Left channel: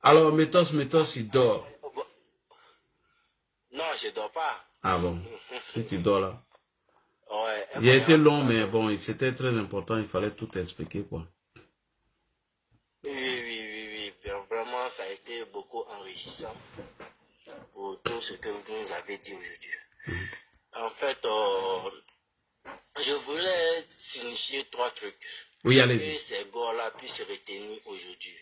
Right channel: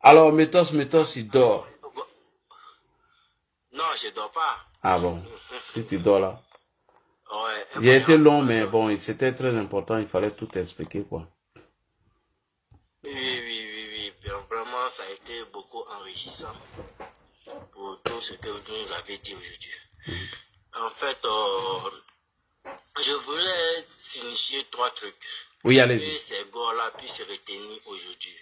Alors, Métos, il dort. Non, je dors pas. Ah bon, si tu dors là. Ouais, Il a été long, mais bon, c'était très important, il fallait tout expliquer, quoi. Oui. Bien, vraiment, ça a été beaucoup enrichissant pour tout ce que vous nous avez dit aujourd'hui. En fait, je voulais signifier 3 trucs. Oui, allez-y. Que ces gars-là puissent se retenir aujourd'hui.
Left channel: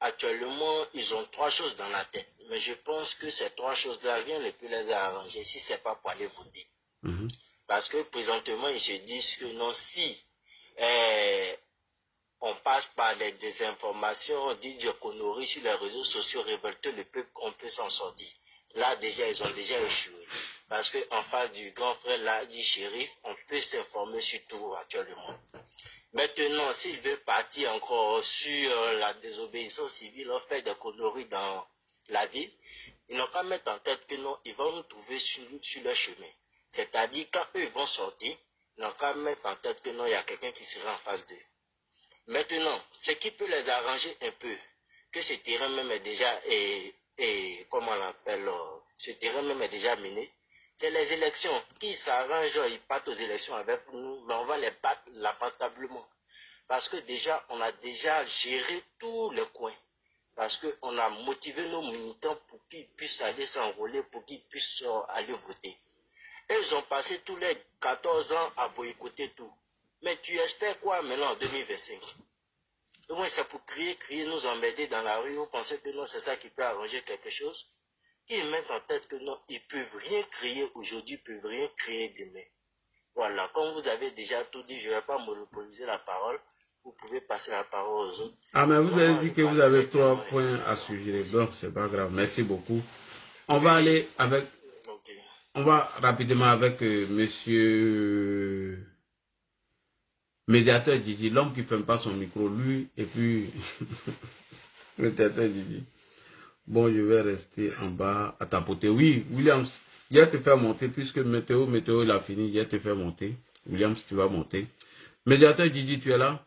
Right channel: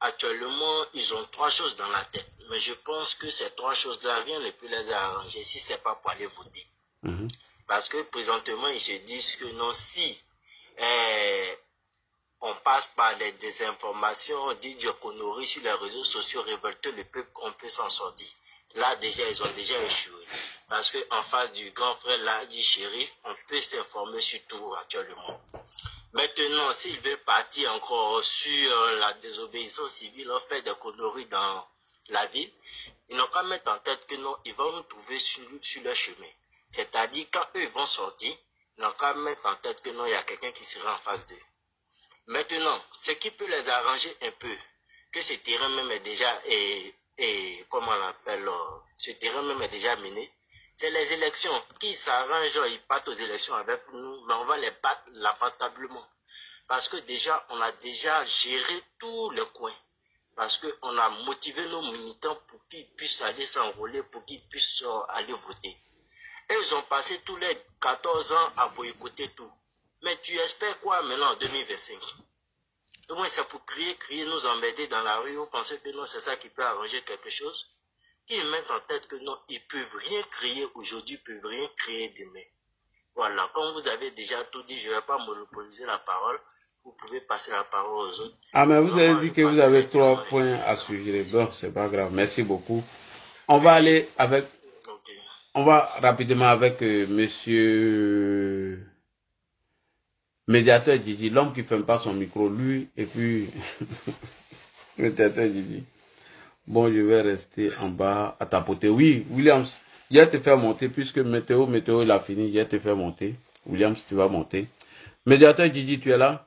Actuellement, ils ont 3 choses dans la tête. Mais je pense que ces 3 choses-là, rien ne peut les arranger si ce n'est pas pour aller voter. Parce que présentement, ils se disent que non, si on passe par des désinformations, des conneries sur les réseaux sociaux, révolter le peuple, on peut s'en sortir. Là, déjà, ils ont déjà échoué. Parce qu'en face du grand frère, là, du shérif, on peut s'informer sur tout actuellement. Maintenant, s'ils veulent partir encore sur la désobéissance civile, on fait des conneries dans la ville, ils n'ont qu'à mettre en tête que non, ils vont nous trouver sur leur chemin. C'est-à-dire, quand eux vont sortir, ils n'ont qu'à mettre en tête que non, il y a quelqu'un qui sera en face d'eux. Maintenant, ce qui peut les arranger un peu, que ce terrain même est déjà, comment on l'appelle, ce terrain même est déjà miné, c'est les élections. Qui s'arrangent, ils partent aux élections avec nous, mais on va les battre lamentablement. Parce que déjà, on a déjà géré tous les coins. Parce qu'on a motivé nos militants pour qu'ils puissent aller s'enrôler, pour qu'ils puissent aller voter. Et ils ont passé tous les 14 ans à boycotter tout. Mais tu espères quoi maintenant en 2025? Au moins c'est pour crier, nous emmerder dans la rue. Vous pensez que non, c'est ça qui peut arranger quelque chose? Qu'ils mettent en tête que non, ils ne peuvent rien créer aujourd'hui, ils ne peuvent rien créer demain. Voilà, comme vous avez déjà tout dit, je ne vais pas monopoliser la parole. Vous pouvez passer la parole aux autres. Ah, mais vous avez dit que vous avez 3 points à suivre. Donc, c'est pas grave. Merci beaucoup. On va aller avec... On va rapidement avec monsieur... Médiateur Didi, l'homme qui ne ferme pas son micro, lui, et puis... Médiateur Didi. Bon, je vais rester en bas à tapoter. Oui, Williams, je vais te faire monter, puisque météo, il a fini, je vais te faire monter. Williams, tu vas monter. Médiateur Didi, tu es là?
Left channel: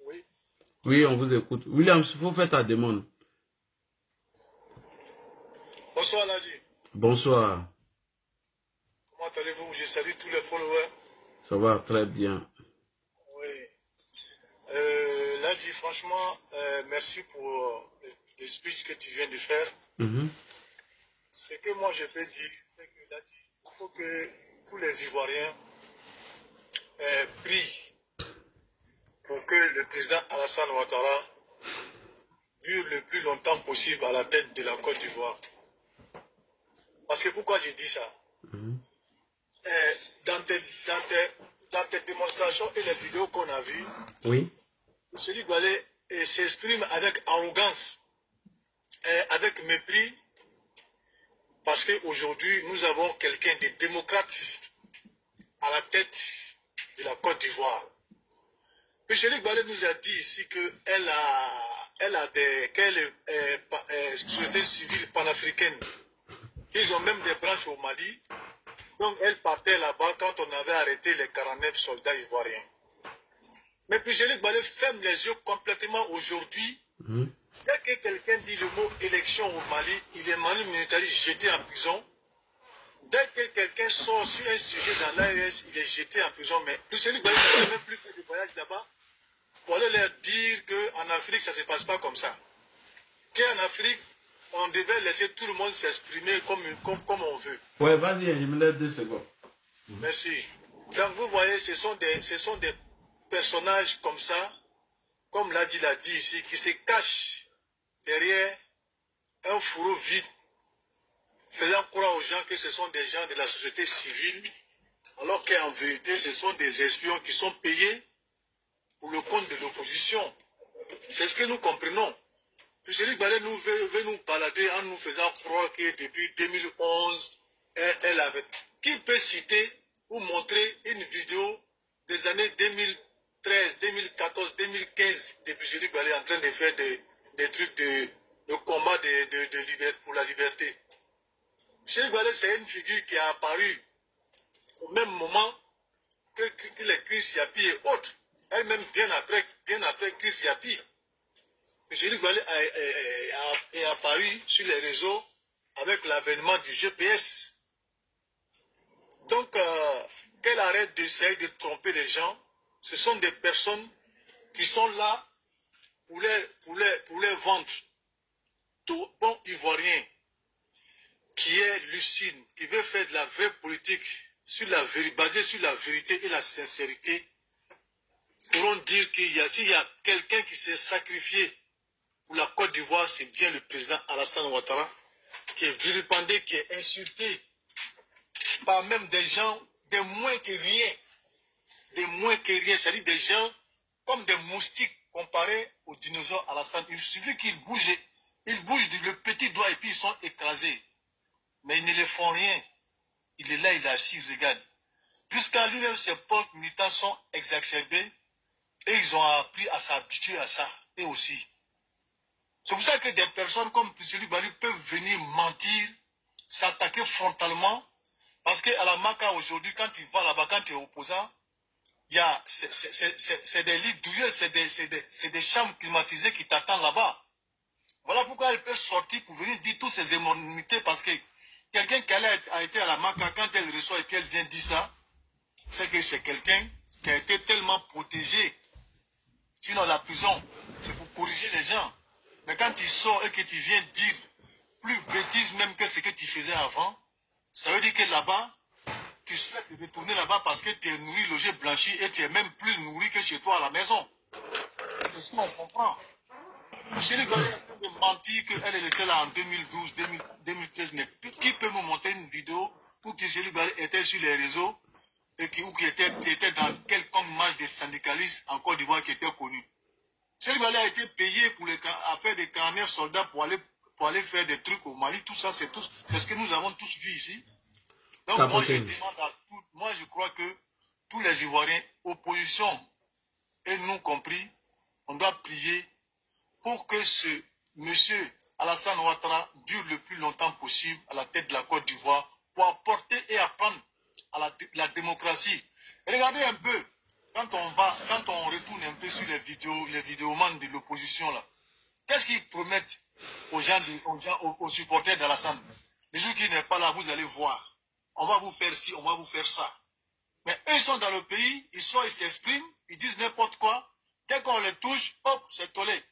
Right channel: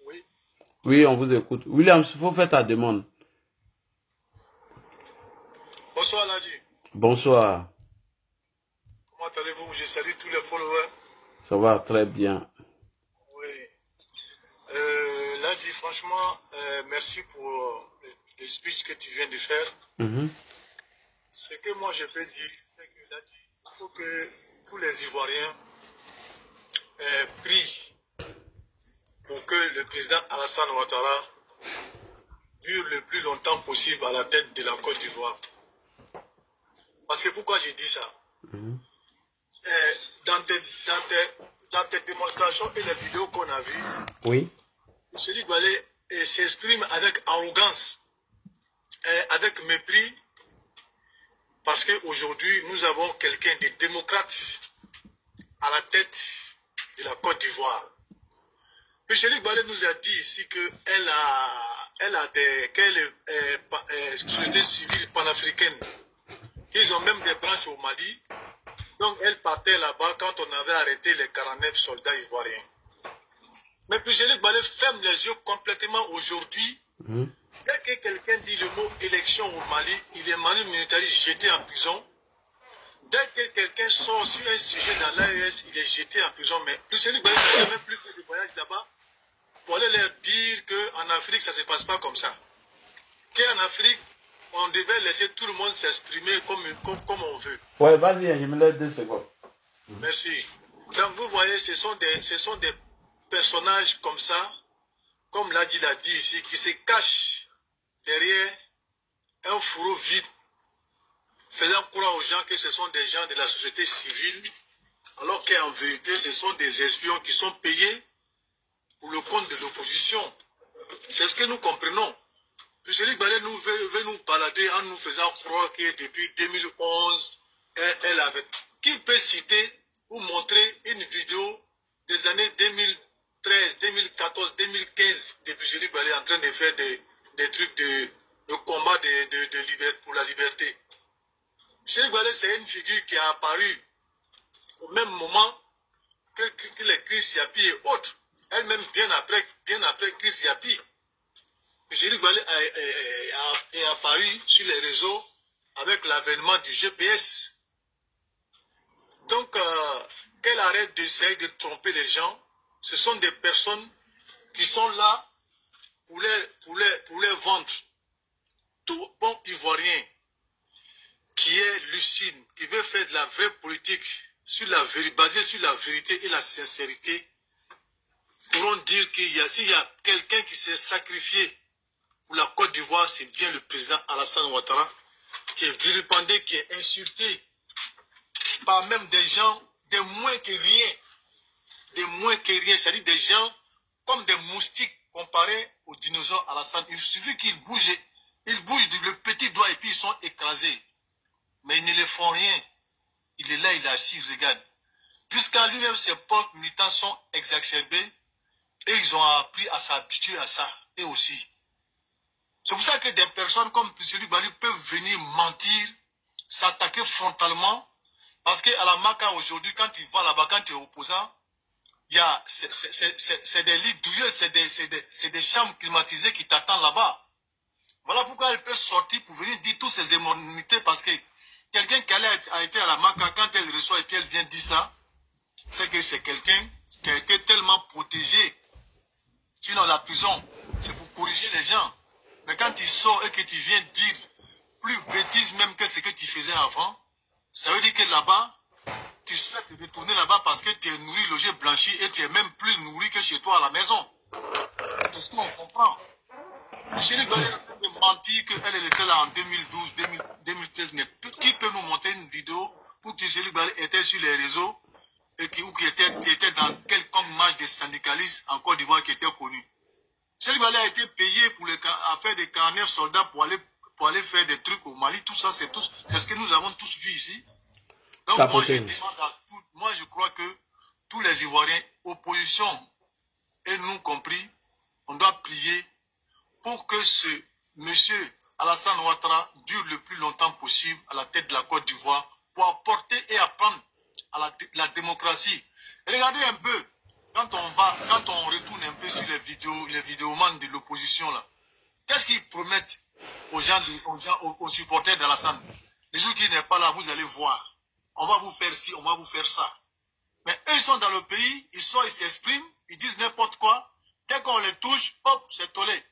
Oui. Oui, on vous écoute. Williams, il faut faire ta demande. Bonsoir, Ladi. Bonsoir. Comment allez-vous? Je salue tous les followers. Ça va très bien. Oui. Ladi, franchement, merci pour le speech que tu viens de faire. Ce que moi je peux dire, c'est que Ladi, il faut que tous les Ivoiriens prient pour que le président Alassane Ouattara dure le plus longtemps possible à la tête de la Côte d'Ivoire. Parce que pourquoi je dis ça? Dans tes démonstrations et les vidéos qu'on a vues, oui. M. Doualé s'exprime avec arrogance, avec mépris, parce qu'aujourd'hui, nous avons quelqu'un de démocrate à la tête de la Côte d'Ivoire. M. Doualé nous a dit ici qu'elle est société civile panafricaine. Ils ont même des branches au Mali. Donc, elle partait là-bas quand on avait arrêté les 49 soldats ivoiriens. Mais puis, Jean-Luc Balé ferme les yeux complètement aujourd'hui. Dès que quelqu'un dit le mot élection au Mali, il est militarisé, jeté en prison. Dès que quelqu'un sort sur un sujet dans l'AES, il est jeté en prison. Mais Jean-Luc Balé n'a même plus fait de voyage là-bas pour aller leur dire qu'en Afrique, ça ne se passe pas comme ça. Qu'en Afrique, on devait laisser tout le monde s'exprimer comme on veut. Oui, vas-y, je me laisse 2 secondes. Merci. Donc, vous voyez, ce sont des personnages comme ça, comme l'a dit ici, qui se cachent derrière un fourreau vide, faisant croire aux gens que ce sont des gens de la société civile, alors qu'en vérité, ce sont des espions qui sont payés pour le compte de l'opposition. C'est ce que nous comprenons. Jean-Luc Balé veut nous balader en nous faisant croire que depuis 2011, elle avait... Qui peut citer ou montrer une vidéo des années 2013, 2014, 2015 de Jean-Luc Balé en train de faire des trucs de combat pour la liberté? Jean-Luc Balé, c'est une figure qui a apparu au même moment que les Chris Yapi et autres, elle-même bien après Chris Yapi. M. Ligwale est apparu sur les réseaux avec l'avènement du GPS. Donc, qu'elle arrête d'essayer de tromper les gens. Ce sont des personnes qui sont là pour les vendre. Tout bon Ivoirien qui est lucide, qui veut faire de la vraie politique basée sur la vérité et la sincérité, pourront dire s'il y a quelqu'un qui s'est sacrifié pour la Côte d'Ivoire, c'est bien le président Alassane Ouattara, qui est vilipendé, qui est insulté par même des gens, des moins que rien, c'est-à-dire des gens comme des moustiques comparés aux dinosaures Alassane. Il suffit qu'ils bougent le petit doigt et puis ils sont écrasés. Mais ils ne les font rien. Il est là, il est assis, il regarde. Jusqu'à lui-même, ses propres militants sont exacerbés et ils ont appris à s'habituer à ça, et aussi. C'est pour ça que des personnes comme M. Ligwale peuvent venir mentir, s'attaquer frontalement, parce qu'à la Maka aujourd'hui, quand tu vas là-bas, quand tu es opposant, c'est des lits douilleux, c'est des chambres climatisées qui t'attendent là-bas. Voilà pourquoi elle peut sortir pour venir dire toutes ces énormités, parce que quelqu'un qui a été à la Maka, quand elle reçoit et qu'elle vient dire ça, c'est que c'est quelqu'un qui a été tellement protégé. Sinon, la prison, c'est pour corriger les gens. Mais quand tu sors et que tu viens dire plus bêtises même que ce que tu faisais avant, ça veut dire que là-bas, tu souhaites retourner là-bas parce que tu es nourri, logé, blanchi et tu es même plus nourri que chez toi à la maison. C'est tout ce qu'on comprend. M. Ligwale est en train de mentir qu'elle était là en 2012, 2013, mais qui peut nous montrer une vidéo où M. Ligwale était sur les réseaux et qui était dans quelconque marche des syndicalistes en Côte d'Ivoire qui était connu. M. Ligwale a été payé à faire des carnets soldats pour aller faire des trucs au Mali. Tout ça, c'est ce que nous avons tous vu ici. Donc moi je demande à tout, moi je crois que tous les Ivoiriens, opposition et nous compris, on doit prier pour que ce monsieur Alassane Ouattara dure le plus longtemps possible à la tête de la Côte d'Ivoire pour apporter et apprendre à la démocratie. Et regardez un peu, quand on retourne un peu sur les vidéomans de l'opposition là, qu'est-ce qu'ils promettent aux gens, aux supporters d'Alassane? Les jours qui n'est pas là, vous allez voir. On va vous faire ci, on va vous faire ça. Mais eux, ils sont dans le pays, ils s'expriment, ils disent n'importe quoi. Dès qu'on les touche, hop, c'est tollé.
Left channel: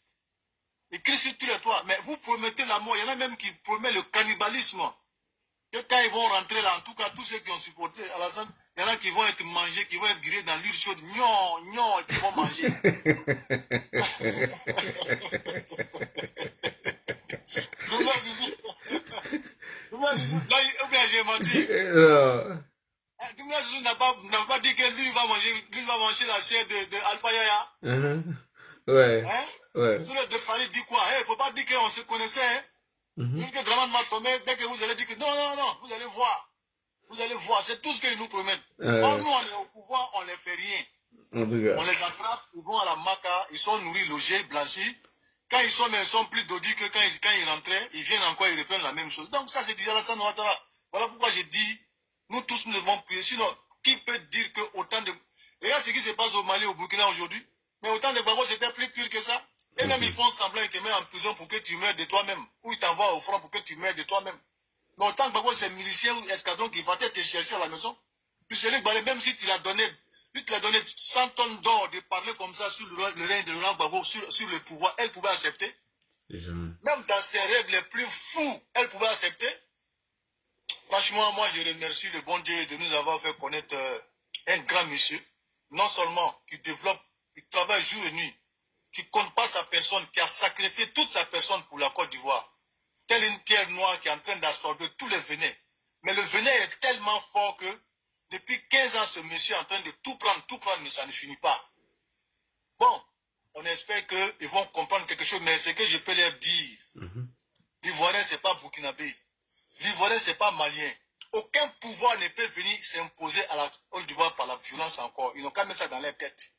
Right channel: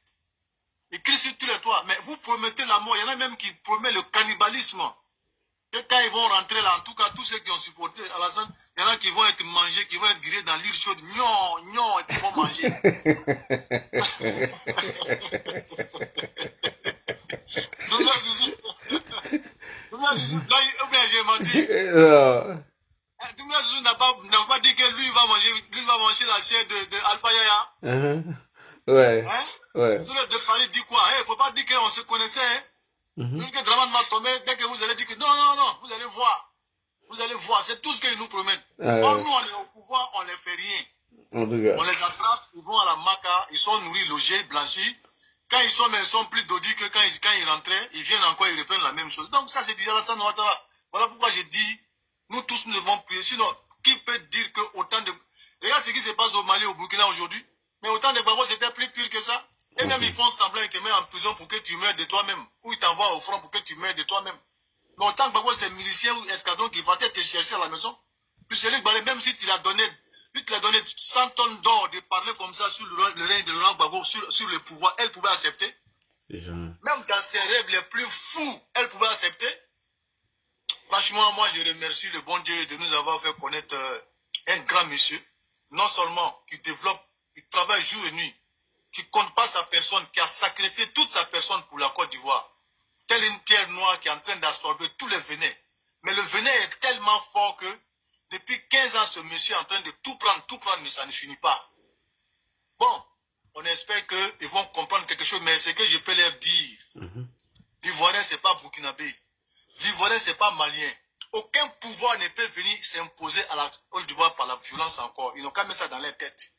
Ils crient sur tous les toits. Mais vous promettez la mort. Il y en a même qui promettent le cannibalisme. Et quand ils vont rentrer là, en tout cas, tous ceux qui ont supporté Alassane, il y en a qui vont être mangés, qui vont être grillés dans l'île chaude. Non, et qui vont manger. Là, j'ai menti. Doumia Zouzou n'a pas dit que lui va manger la chair de Alpha Yaya. Ouais. Hein? Ouais. Sur le de Paris dit quoi? Il ne faut pas dire qu'on se connaissait. Hein? Juste que Draman va tomber, dès que vous allez dire que non, vous allez voir. Vous allez voir, c'est tout ce qu'ils nous promettent. Quand nous on est au pouvoir, on ne les fait rien. On les attrape, ils vont à la Maka, ils sont nourris, logés, blanchis. Quand ils sont plus dodus que quand ils rentraient, ils viennent encore, ils reprennent la même chose. Donc ça, c'est du Alassane Ouattara. Voilà pourquoi j'ai dit, nous tous nous devons prier. Sinon, qui peut dire que autant de... Regarde ce qui se passe au Mali, au Burkina aujourd'hui. Mais autant de Gbagbo, c'était plus pire que ça. Et même ils font semblant qu'ils te mettent en prison pour que tu meurs de toi-même. Ou ils t'envoient au front pour que tu meurs de toi-même. Mais autant que Gbagbo, c'est miliciens ou escadrons qui vont te chercher à la maison. Puis c'est lui, même si tu l'as donné 100 tonnes d'or de parler comme ça sur le règne de Laurent Gbagbo, sur le pouvoir, elle pouvait accepter. Même dans ses rêves les plus fous, elle pouvait accepter. Franchement, moi, je remercie le bon Dieu de nous avoir fait connaître un grand monsieur. Non seulement qui développe, qui travaille jour et nuit, qui ne compte pas sa personne, qui a sacrifié toute sa personne pour la Côte d'Ivoire. Telle une pierre noire qui est en train d'absorber tous les venins. Mais le venin est tellement fort que depuis 15 ans, ce monsieur est en train de tout prendre, mais ça ne finit pas. Bon, on espère qu'ils vont comprendre quelque chose, mais ce que je peux leur dire, l'Ivoirien, ce n'est pas burkinabé. L'Ivoirien, ce n'est pas malien. Aucun pouvoir ne peut venir s'imposer à la Côte d'Ivoire par la violence encore. Ils n'ont qu'à mettre ça dans leur tête.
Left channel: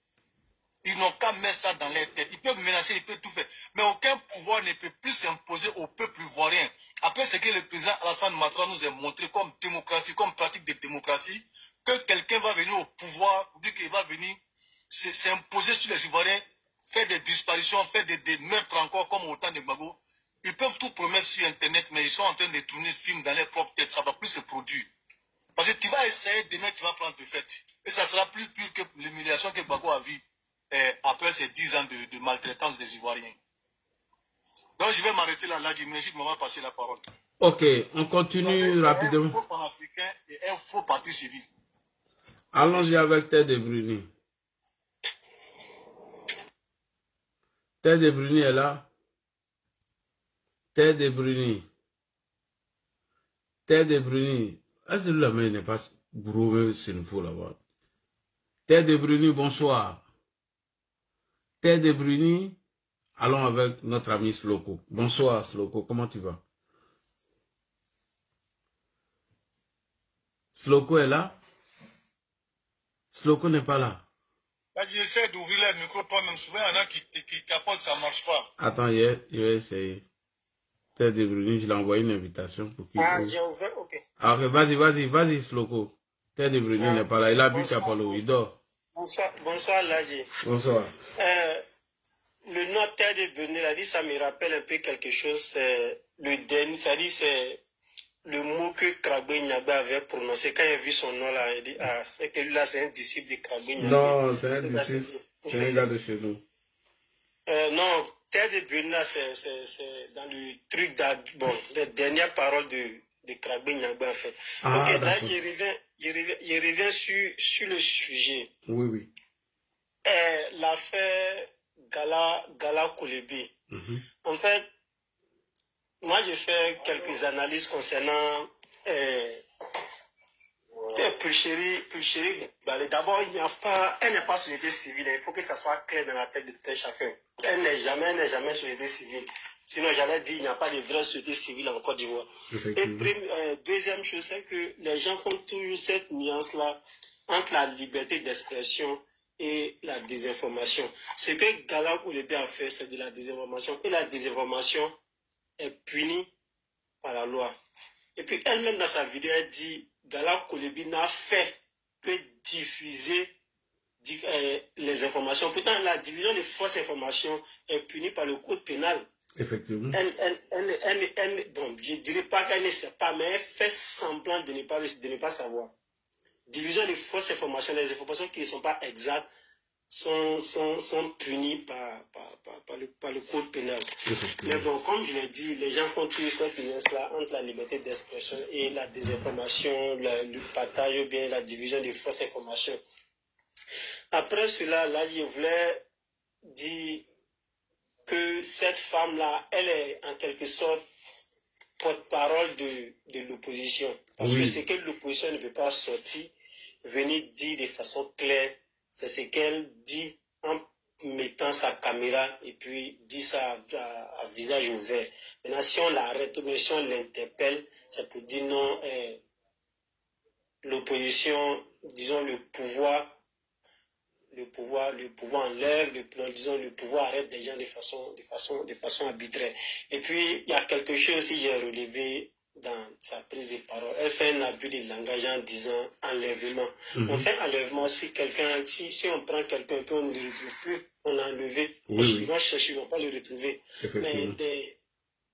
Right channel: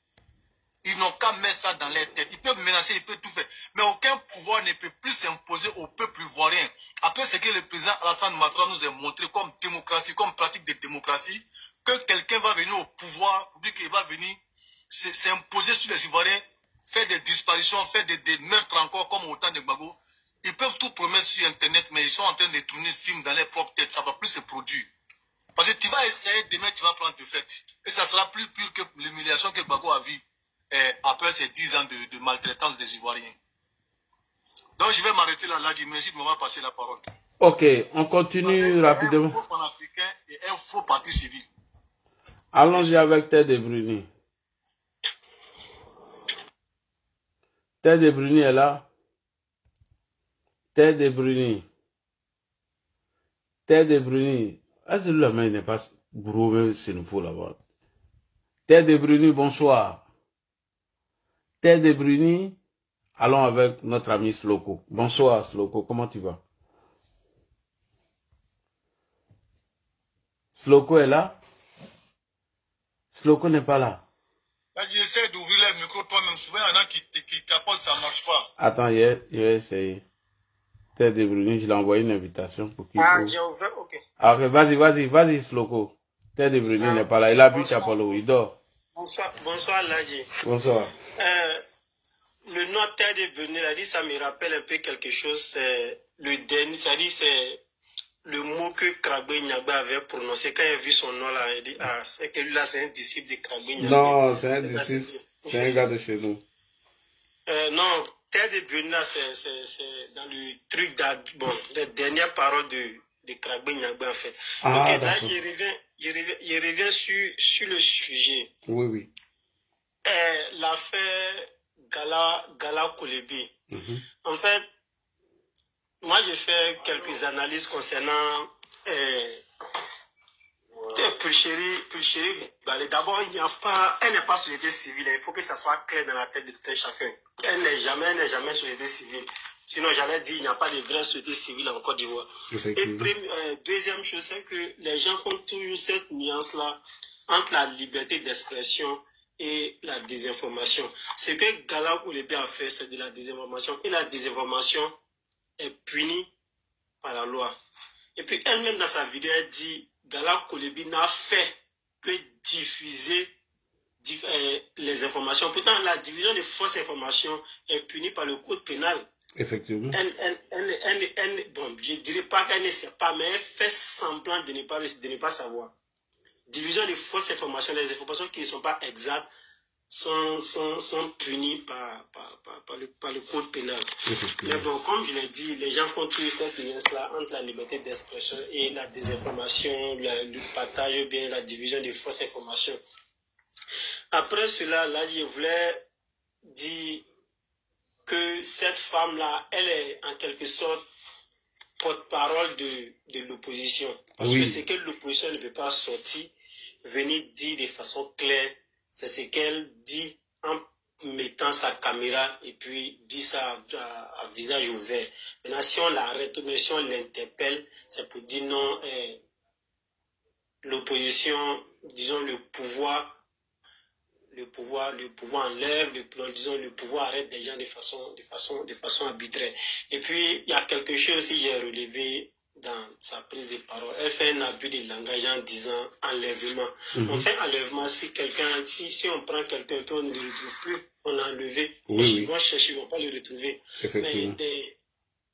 Ils n'ont qu'à mettre ça dans leur tête. Ils peuvent menacer, ils peuvent tout faire. Mais aucun pouvoir ne peut plus s'imposer au peuple ivoirien. Après ce que le président Alassane Ouattara nous a montré comme démocratie, comme pratique de démocratie, que quelqu'un va venir au pouvoir, pour dire qu'il va venir s'imposer sur les Ivoiriens, faire des disparitions, faire des meurtres encore, comme au temps de Gbagbo. Ils peuvent tout promettre sur Internet, mais ils sont en train de tourner le film dans leur propre tête. Ça va plus se produire. Parce que tu vas essayer, demain tu vas prendre de fait. Et ça sera plus pur que l'humiliation que Gbagbo a vue après ces 10 ans de maltraitance des Ivoiriens. Donc je vais m'arrêter là, merci de m'avoir passé la parole. Ok, on continue rapidement. Un faux panafricain et un faux parti civil. Allons-y avec Ted de Bruni. Ted de Bruni est là. Ted de Bruni. Ted de Bruni. Est-ce que le main n'est pas gros, c'est une faux là-bas? Ted de Bruni, bonsoir. Ted de Bruni. Allons avec notre ami Sloko. Bonsoir Sloko, comment tu vas? Sloko est là? Sloko n'est pas là. Là, j'essaie d'ouvrir le micro toi-même. Souvent, il y en a qui capotent, ça ne marche pas. Attends, il va essayer. Ted de Bruni, je l'ai envoyé une invitation pour qu'il... Ah, j'ai ouvert, ok. Ah, ok, vas-y, Sloko. Ted de Bruni n'est pas là. Il habite à Palo, il dort. Bonsoir, Ladji. Bonsoir. Le nom Ted de Bruni, là, ça me rappelle un peu quelque chose. C'est le dernier, c'est-à-dire c'est le mot que Krabbe Nyagba avait prononcé quand il a vu son nom là. Il dit, ah, c'est que lui là, c'est un disciple de Krabbe Nyagba. Non, c'est un disciple. C'est un gars de chez nous. Non, Ted de Bruni, là, c'est dans le truc bon, les dernières paroles de Krabbe Nyagba, en fait. Ah, donc là, il revient sur le sujet. Oui. L'affaire Gala Kolebi. En fait, moi j'ai fait quelques analyses concernant Pulchéry. D'abord, elle n'est pas société civile. Il faut que ça soit clair dans la tête de tout chacun. Elle n'est jamais société civile. Sinon, j'allais dire, il n'y a pas de vraie société civile en Côte d'Ivoire. Et deuxième chose, c'est que les gens font toujours cette nuance-là entre la liberté d'expression et la désinformation. Ce que Gala Kolebi a fait, c'est de la désinformation. Et la désinformation est punie par la loi. Et puis elle-même dans sa vidéo, elle dit, Gala Kolebi n'a fait que diffuser les informations. Pourtant, la division de fausses informations est punie par le code pénal. Effectivement. Bon, je ne dirais pas qu'elle ne sait pas, mais elle fait semblant de ne pas savoir. Division de fausses informations, les informations qui ne sont pas exactes sont punies par le code pénal. Mais bon, comme je l'ai dit, les gens font toujours cette nuance-là entre la liberté d'expression et la désinformation, le partage ou bien la division de fausses informations. Après cela, là, je voulais dire que cette femme-là, elle est en quelque sorte porte-parole de l'opposition. Parce que ce que l'opposition ne peut pas sortir, venir dire de façon claire, c'est ce qu'elle dit en mettant sa caméra et puis dit ça à visage ouvert. Maintenant, si on l'arrête ou si on l'interpelle, c'est pour dire non, l'opposition, disons le pouvoir enlève, le pouvoir arrête des gens de façon arbitraire. Et puis, il y a quelque chose aussi que j'ai relevé dans sa prise de parole. Elle fait un abus de langage en disant enlèvement. On fait enlèvement si on prend quelqu'un et on ne le retrouve plus, on l'a enlevé. Ils vont chercher, ils ne vont pas le retrouver. Mais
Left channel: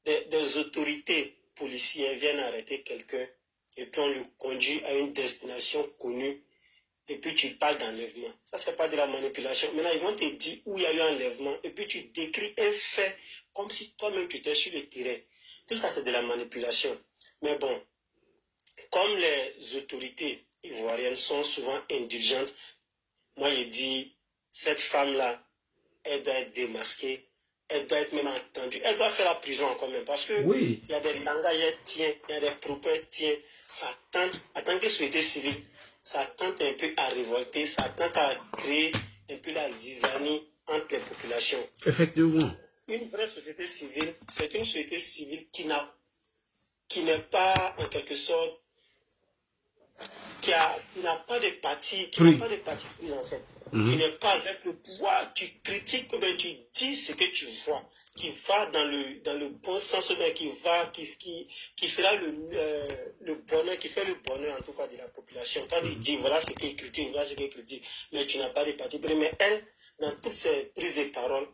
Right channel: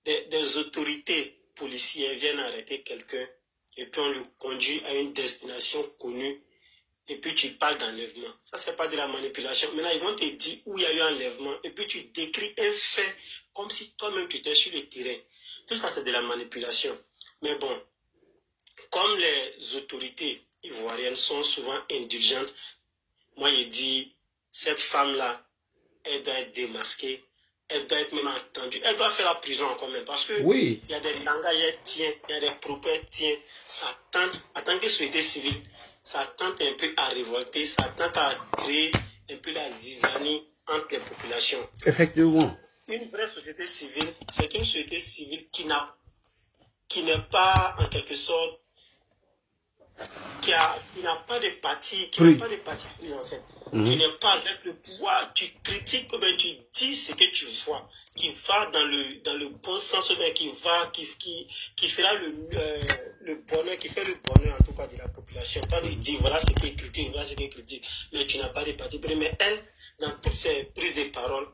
des autorités policières viennent arrêter quelqu'un et puis on le conduit à une destination connue. Et puis tu parles d'enlèvement. Ça, c'est pas de la manipulation. Maintenant, ils vont te dire où il y a eu enlèvement. Et puis tu décris un fait comme si toi-même tu étais sur le terrain. Tout ça, c'est de la manipulation. Mais bon, comme les autorités ivoiriennes sont souvent indulgentes, moi, je dis, cette femme-là, elle doit être démasquée. Elle doit être même entendue. Elle doit faire la prison encore même. Parce que il y a des langages, il y a des propos, ça tente, en tant que société civile, ça tente un peu à révolter, ça tente à créer un peu la zizanie entre les populations. Effectivement. Une vraie société civile, c'est une société civile qui n'est pas, en quelque sorte, qui n'a pas de parti, pris en fait. Tu n'es pas avec le pouvoir, tu critiques, mais tu dis ce que tu vois. dans le bon sens, qui fera le bonheur, qui fait le bonheur en tout cas de la population. Quand tu dis voilà ce qu'elle critique, voilà ce qu'elle critique, mais tu n'as pas de parti pris. Mais elle, dans toutes ses prises de parole,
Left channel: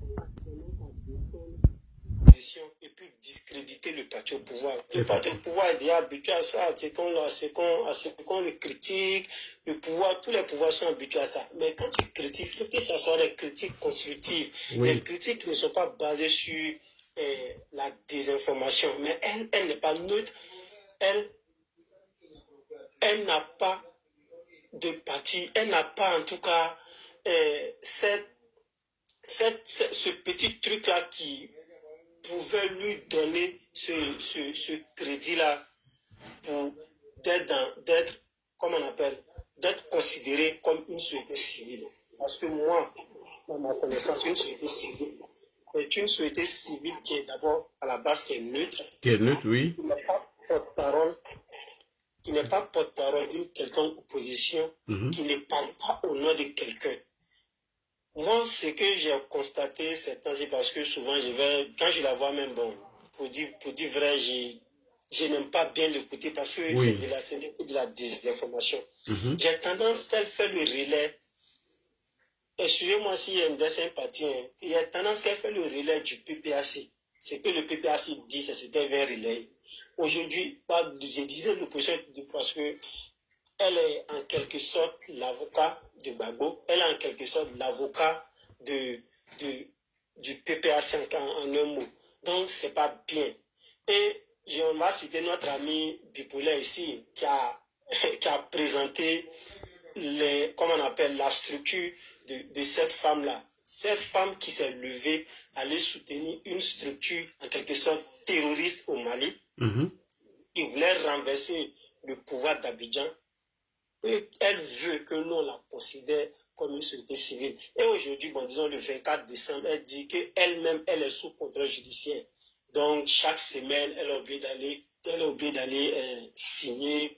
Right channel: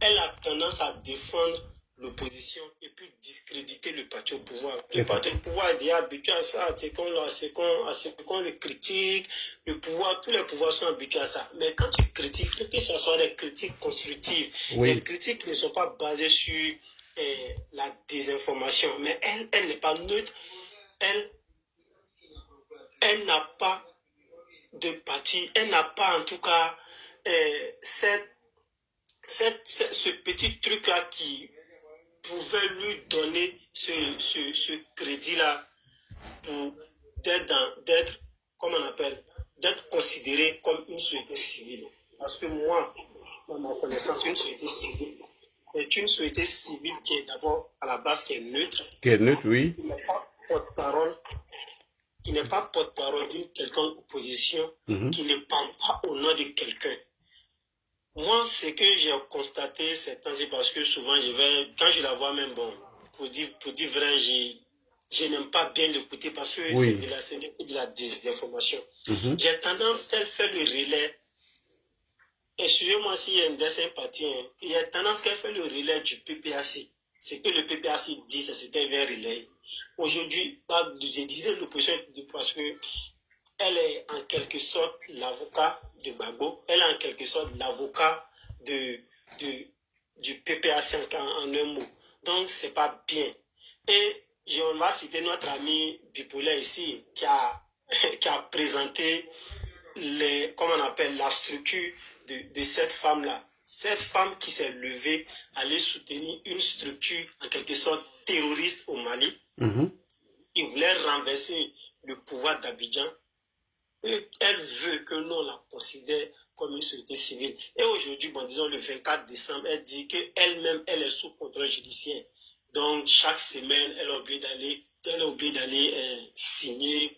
elle a tendance à défendre l'opposition et puis discréditer le parti au pouvoir. Le parti au pouvoir est déjà habitué à ça, c'est qu'on le critique, le pouvoir, tous les pouvoirs sont habitués à ça. Mais quand tu critiques, il faut que ce soit des critiques constructives. Oui. Les critiques ne sont pas basées sur la désinformation. Mais elle n'est pas neutre. Elle n'a pas de parti, elle n'a pas en tout cas ce petit truc-là qui pouvait lui donner ce crédit-là pour d'être, comment on appelle, d'être considéré comme une société civile. Parce que moi, dans ma connaissance, une société civile est une société civile qui est d'abord à la base qui est neutre. Qui est neutre, oui. Qui n'est pas porte-parole d'une quelconque opposition, qui ne parle pas au nom de quelqu'un. Moi, ce que j'ai constaté, c'est parce que souvent, quand je la vois même, bon, pour dire vrai, je n'aime pas bien l'écouter parce que c'est de la désinformation. J'ai tendance, qu'elle fait le relais, excusez-moi s'il y a un dessin parti, il y a tendance qu'elle fait le relais du PPAC. Ce que le PPAC dit, c'était un relais. Aujourd'hui, j'ai dit l'opposition parce que elle est en quelque sorte l'avocat de Gbagbo, elle est en quelque sorte l'avocat du PPAC en un mot. Donc, c'est pas bien. Et on va citer notre ami bipolaire ici, qui a présenté comment on appelle, la structure de cette femme-là. Cette femme qui s'est levée, allait soutenir une structure en quelque sorte terroriste au Mali, qui voulait renverser le pouvoir d'Abidjan. Elle veut que nous, on la considère comme une société civile. Et aujourd'hui, bon, disons le 24 décembre, elle dit qu'elle-même, elle est sous contrôle judiciaire. Donc, chaque semaine, elle a oublié d'aller signer,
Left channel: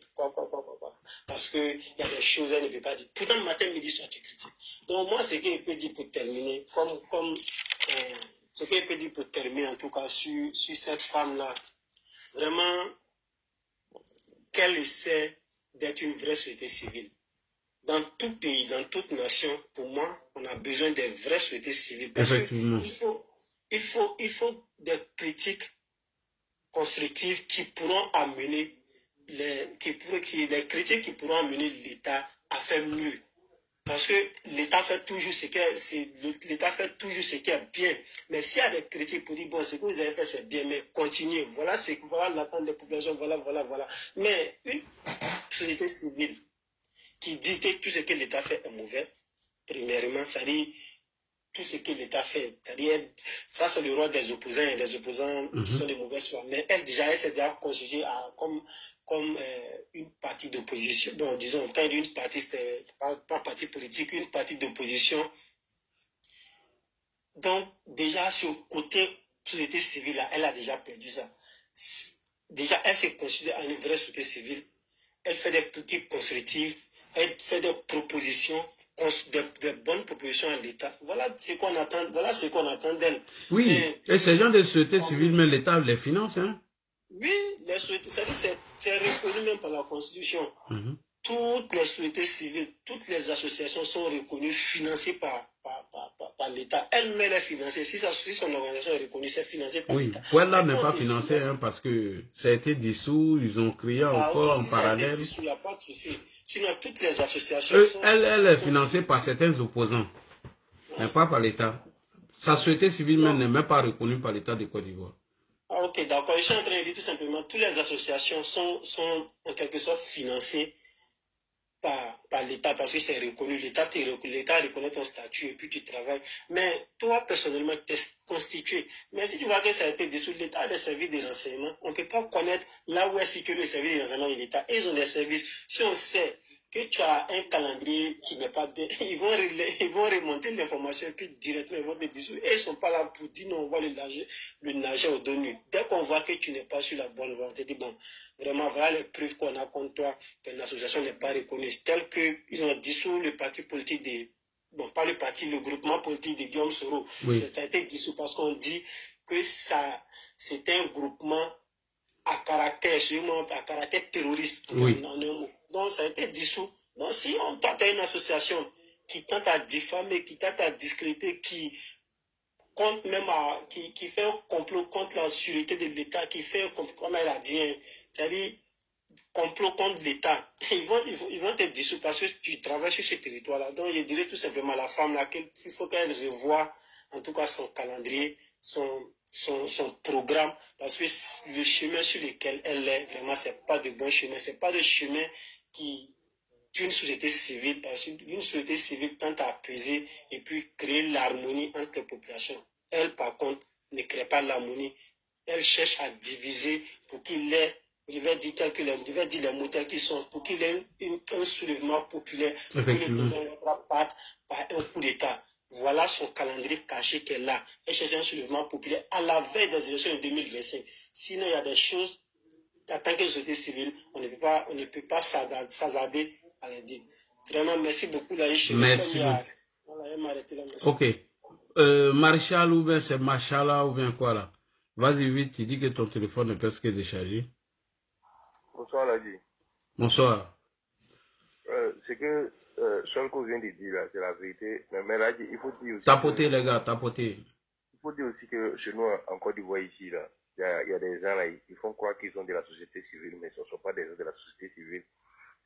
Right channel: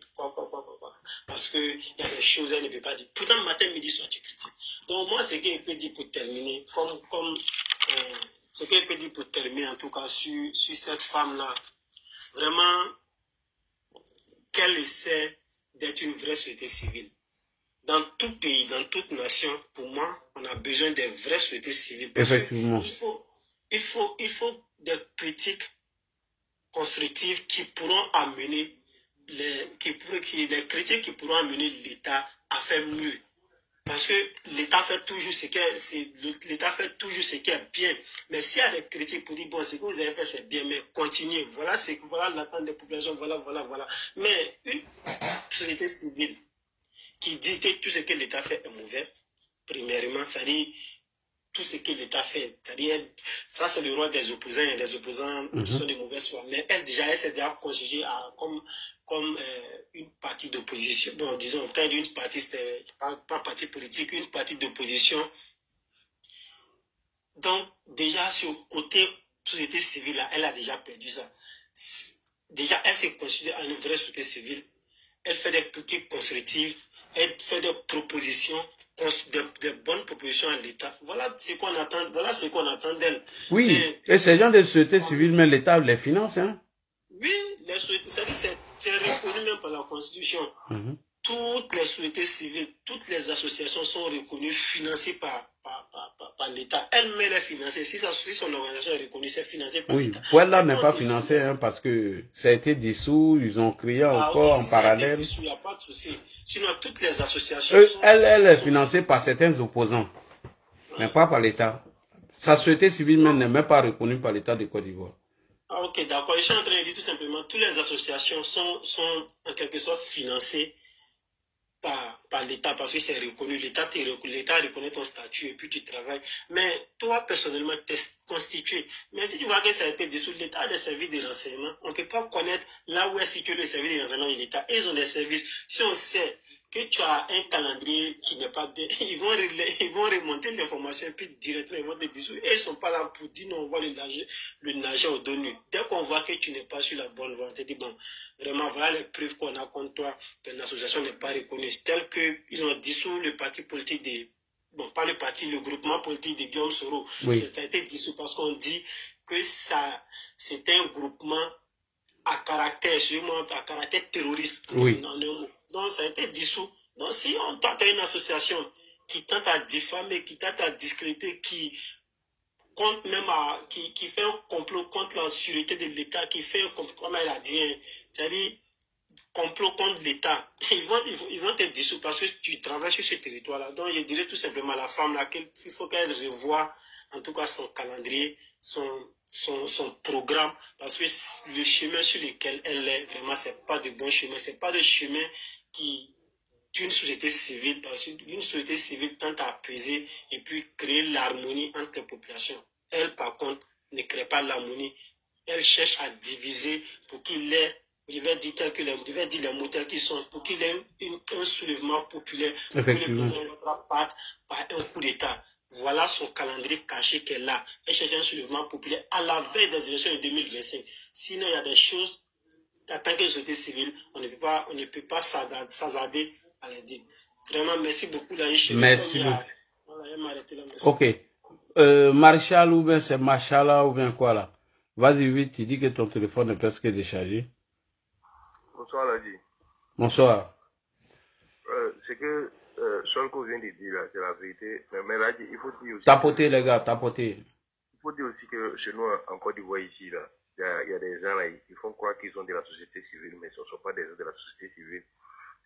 parce qu'il y a des choses qu'elle ne peut pas dire. Pourtant, matin, midi, soir, tu critiques. Donc, moi, ce qu'elle peut dire pour terminer, ce qu'elle peut dire pour terminer, en tout cas, sur cette femme-là, vraiment, qu'elle essaie d'être une vraie société civile. Dans tout pays, dans toute nation, pour moi, on a besoin de vraies sociétés civiles. Effectivement. Il faut des critiques constructives qui pourront amener les critiques qui pourront amener l'État à faire mieux. Parce que l'État fait toujours ce qui est bien. Mais s'il y a des critiques pour dire, bon, ce que vous avez fait, c'est bien, mais continuez. Voilà l'attente des populations, voilà. Mais une société civile qui dit que tout ce que l'État fait est mauvais, premièrement, ça dit tout ce que l'État fait, c'est-à-dire, ça c'est le rôle des opposants, et les opposants qui sont de mauvaise foi. Mais elle s'est déjà constituée comme une partie d'opposition. Bon, disons, quand une partie, c'était pas parti politique, une partie d'opposition. Donc, déjà, sur le côté société civile, là, elle a déjà perdu ça. Déjà, elle s'est constituée en une vraie société civile. Elle fait des critiques constructives, elle fait des propositions, des bonnes propositions à l'État. Voilà ce qu'on attend d'elle. Oui, et ces gens de société civile, mais l'État les finance, hein? Oui, c'est reconnu même par la Constitution. Toutes les sociétés civiles, toutes les associations sont reconnues, financées par l'État. Elle-même est financée. Si son organisation est reconnue, c'est financé par l'État. Oui, Puella n'est pas financé, hein, parce que ça a été dissous, ils ont créé encore en parallèle. Il n'y a pas de souci. Sinon, toutes les associations elle est financée par certains opposants, mais pas par l'État. Sa société civile même n'est même pas reconnue par l'État de Côte d'Ivoire. Ah, ok, d'accord. Je suis en train de dire tout simplement, toutes les associations sont en quelque sorte financées par l'État, parce que c'est reconnu. L'État reconnaît ton statut et puis tu travailles. Mais toi, personnellement, tu es constitué. Mais si tu vois que ça a été dissous, l'État a des services de renseignement. On ne peut pas connaître là où est situé le service de renseignement de l'État. Ils ont des services. Si on sait que tu as un calendrier qui n'est pas bien, ils vont remonter l'information et puis directement ils vont te dissoudre. Et ils ne sont pas là pour dire non, on va le nager au dos nu. Dès qu'on voit que tu n'es pas sur la bonne voie, on te dit bon, vraiment voilà les preuves qu'on a contre toi, que l'association n'est pas reconnue. Tel qu'ils ont dissous le parti politique bon, pas le parti, le groupement politique de Guillaume Soro. Oui. Ça a été dissous parce qu'on dit que c'était un groupement à caractère terroriste. Oui. Donc, ça a été dissous. Donc, si on tente à une association qui tente à diffamer, qui tente à discréditer, qui fait un complot contre la sûreté de l'État, qui fait un complot, comme elle a dit, hein, c'est-à-dire complot contre l'État, ils vont être dissous parce que tu travailles sur ce territoire-là. Donc, je dirais tout simplement à la femme là qu'il faut qu'elle revoie, en tout cas, son calendrier, son programme, parce que le chemin sur lequel elle est, vraiment, c'est pas de bon chemin. C'est pas le chemin d'une société civile, parce qu'une société civile tente à apaiser et puis créer l'harmonie entre les populations. Elle, par contre, ne crée pas l'harmonie. Elle cherche à diviser pour qu'il ait, je vais dire les mots tels qu'ils sont, pour qu'il ait un soulèvement populaire, pour que le président parte par un coup d'État. Voilà son calendrier caché qu'elle a. Elle cherche un soulèvement populaire à la veille des élections de 2025. Sinon, il y a des choses, en tant que société civile, on ne peut pas s'hasarder à les dire. Vraiment, merci beaucoup, là. Merci beaucoup. Voilà, elle m'a arrêté là. Merci. Ok. Marshall ou bien c'est Machala ou bien quoi là? Vas-y vite, tu dis que ton téléphone est presque déchargé. Bonsoir Ladi. Bonsoir. C'est que Solko vient de dire là, c'est la vérité. Mais Ladi, il faut dire aussi. Tapoter les gars, tapoter. Il faut dire aussi que chez nous, en Côte d'Ivoire ici, là, il y a des gens là, ils font croire qu'ils sont de la société civile, mais ce ne sont pas des gens de la société civile.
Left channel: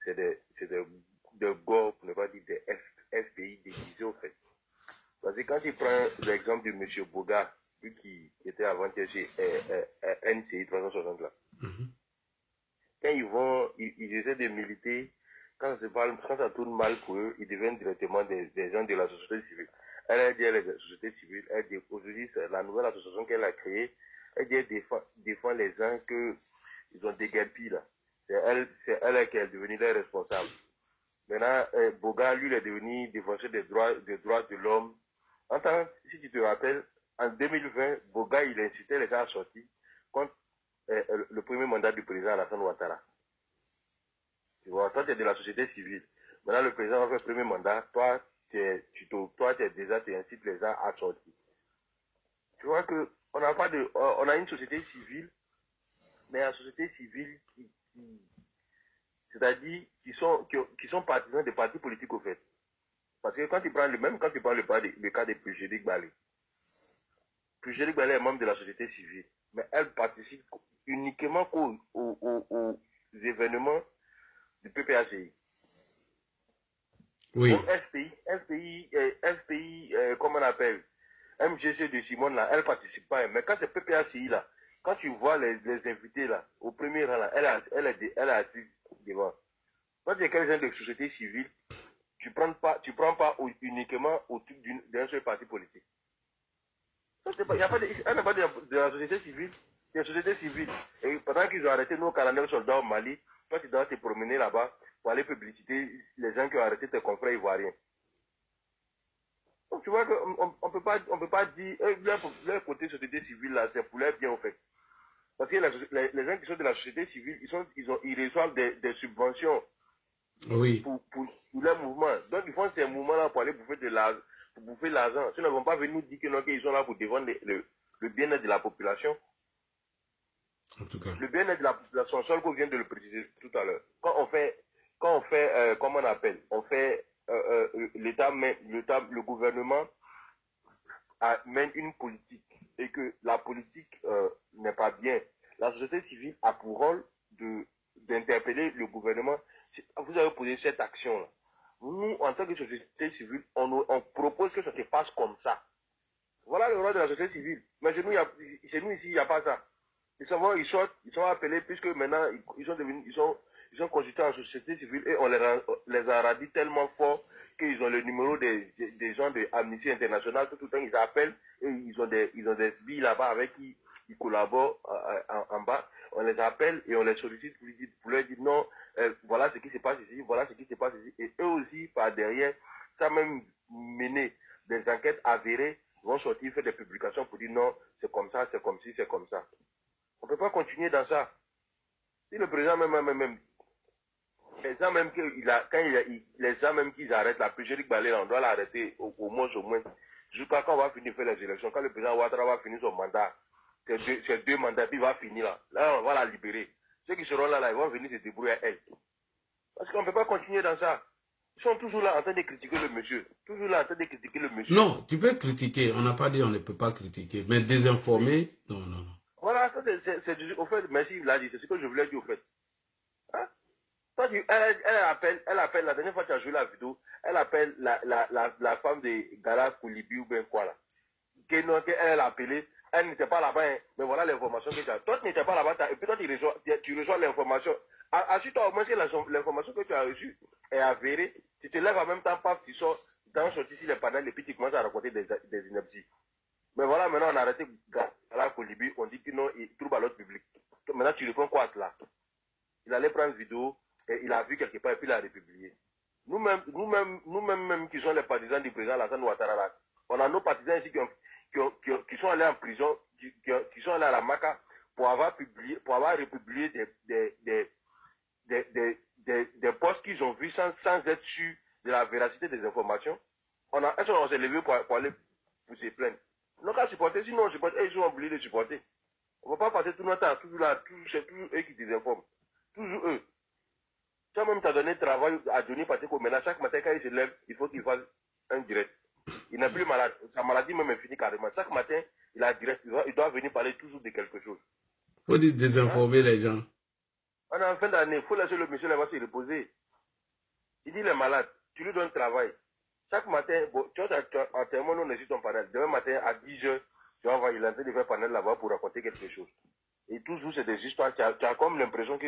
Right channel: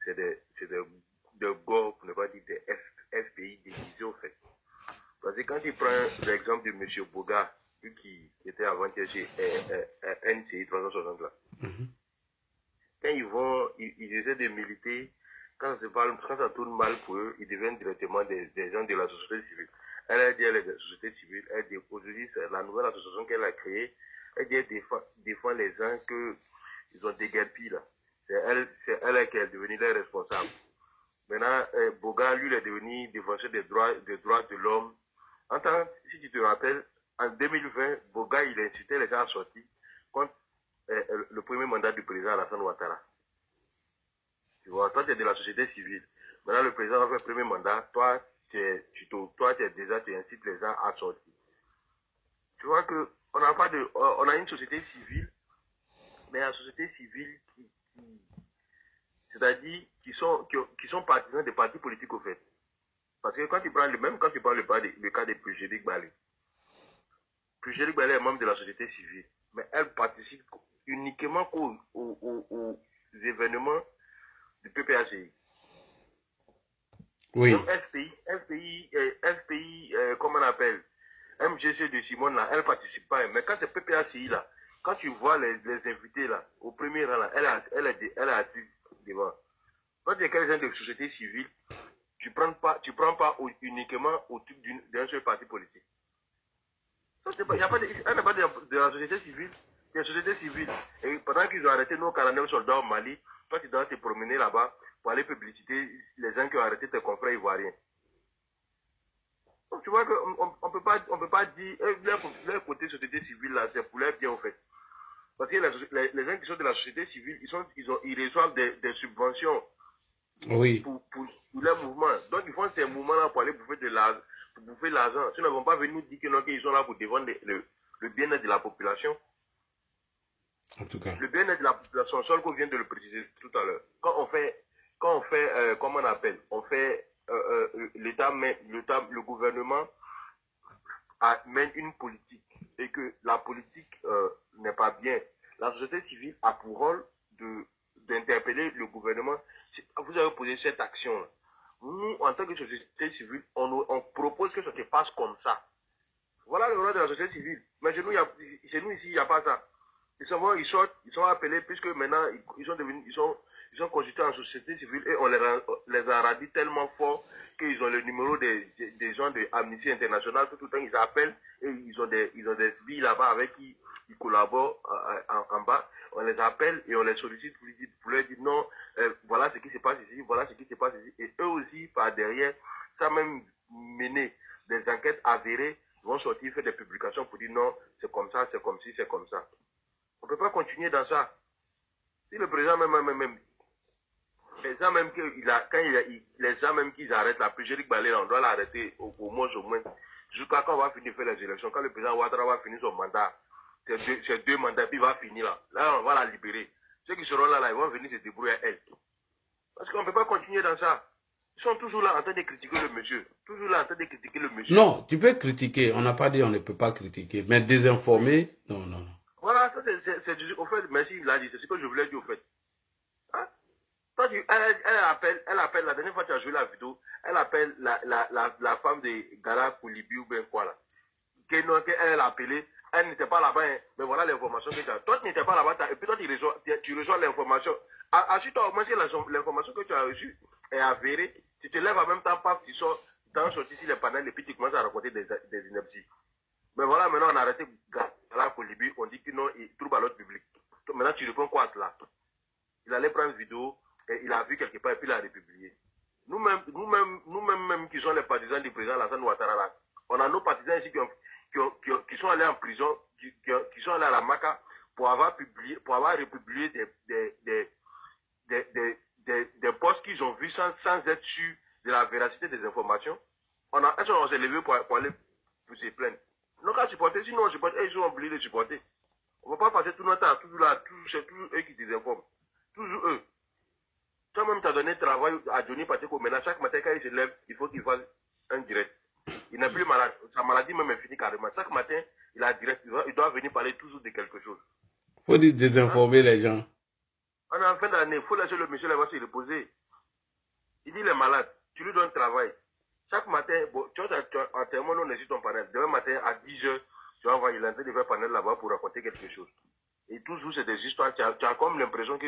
C'est des GOR, pour ne pas dire des FPI déguisés au fait. Parce que quand tu prends l'exemple de M. Boga, lui qui était avant-hier chez NCI 360 là, quand ils essaient de militer, quand ça tourne mal pour eux, ils deviennent directement des gens de la société civile. Elle a dit, elle est de la société civile, elle dit, aujourd'hui, c'est la nouvelle association qu'elle a créée, elle dit, elle défend les gens qu'ils ont déguerpis là. C'est elle qui est devenue leur responsable. Maintenant, Boga, lui, il est devenu défenseur des droits de l'homme. Si tu te rappelles, en 2020, Boga, il incitait les gens à sortir contre le premier mandat du président Alassane Ouattara. Tu vois, toi, tu es de la société civile. Maintenant, le président a fait le premier mandat. Toi, tu incites les gens à sortir. Tu vois que on a une société civile, mais la société civile c'est-à-dire qui sont partisans des partis politiques au fait. Parce que quand tu prends le cas de Pujélik Balé est membre de la société civile, mais elle participe uniquement aux événements du PPACI. Oui. Donc FPI, comment on appelle, MGC de Simone là, elle participe pas. Mais quand c'est PPACI là, quand tu vois les invités là, au premier rang là, elle est assise devant. Quand tu es quelqu'un de société civile, tu prends pas uniquement au truc d'un seul parti politique. Elle n'est pas de la société civile, c'est la société civile. Et pendant qu'ils ont arrêté nos 49 soldats au Mali, toi tu dois te promener là-bas pour aller publiciter les gens qui ont arrêté tes confrères ivoiriens. Donc tu vois qu'on ne peut pas dire, leur côté société civile là, c'est pour leur bien en fait. Parce que les gens qui sont de la société civile, ils reçoivent des subventions. Oui. Pour leur mouvement. Donc ils font ces mouvements-là pour aller bouffer l'argent. Sinon, ils ne vont pas venir nous dire qu'ils sont là pour défendre le bien-être de la population. En tout cas. Le bien-être de la population, Solko vient de le préciser tout à l'heure. Quand on fait, comment on appelle, le gouvernement mène une politique et que la politique n'est pas bien. La société civile a pour rôle d'interpeller le gouvernement. Vous avez posé cette action-là. Nous, en tant que société civile, on propose que ça se passe comme ça. Voilà le rôle de la société civile. Mais chez nous ici, il n'y a pas ça. Ils sont appelés, puisque maintenant, ils sont constitués en société civile et on les a radis tellement fort qu'ils ont le numéro des gens de Amnesty International. Tout le temps, ils appellent et ils ont des filles là-bas avec qui ils collaborent en bas. On les appelle et on les sollicite pour leur dire non, voilà ce qui se passe ici, voilà ce qui se passe ici. Et eux aussi, par derrière, ça même mener des enquêtes avérées, ils vont sortir, faire des publications pour dire non, c'est comme ça, c'est comme ci, c'est comme ça. On ne peut pas continuer dans ça. Si le président même Les gens même les gens même qu'ils arrêtent la Pégérique Balé, on doit l'arrêter au moins jusqu'à quand on va finir de faire les élections. Quand le président Ouattara va finir son mandat, ces deux mandats, puis il va finir là. Là, on va la libérer. Ceux qui seront là, ils vont venir se débrouiller à elle. Parce qu'on ne peut pas continuer dans ça. Ils sont toujours là en train de critiquer le monsieur. Toujours là en train de critiquer le monsieur. Non, tu peux critiquer. On n'a pas dit on ne peut pas critiquer. Mais désinformer, non, non, non. Voilà, ça c'est au fait, merci, il l'a dit. C'est ce que je voulais dire au fait. Hein? Toi, elle appelle, la dernière fois que tu as joué la vidéo, elle appelle la femme de Gala Koulibi ou bien quoi là. Elle a appelé, elle n'était pas là-bas, hein, mais voilà l'information que tu as. Toi, tu n'étais pas là-bas, et puis toi, tu reçois l'information. Assure-toi au moins si l'information que tu as reçue est avérée, tu te lèves en même temps, paf, tu sors, dans sorti sur les panels, et puis tu commences à raconter des inepties. Mais voilà, maintenant on a arrêté Gala Koulibi, on dit que non, il trouve à l'autre public. Maintenant tu réponds quoi à cela? Il allait prendre une vidéo, et il a vu quelque part, et puis il a republié. Nous-mêmes qui sommes les partisans du président Alassane Ouattara, on a nos partisans ici qui sont allés en prison, qui sont allés à la Maca pour avoir republié des postes qu'ils ont vus sans être sûrs de la véracité des informations. On s'est levé pour aller pour se plaindre. Nous qu'à supporter, sinon on supporte, ils ont oublié de supporter. On ne va pas passer tout notre temps, c'est toujours eux qui désinforment. Toujours eux. Toi-même, tu as donné travail à Johnny Pateko, maintenant chaque matin quand il se lève, il faut qu'il fasse un direct. Il n'est plus malade. Sa maladie même est finie carrément. Chaque matin, il a direct. Il doit venir parler toujours de quelque chose. Il faut désinformer les gens. On est en fin d'année. Il faut laisser le monsieur là-bas se reposer. Il dit il est malade. Tu lui donnes travail. Chaque matin, bon, tu vois, en termes, on est ton panel. Demain matin, à 10h, tu vas voir, il est en train de faire panel là-bas pour raconter quelque chose. Et toujours, c'est des histoires. Tu as comme l'impression que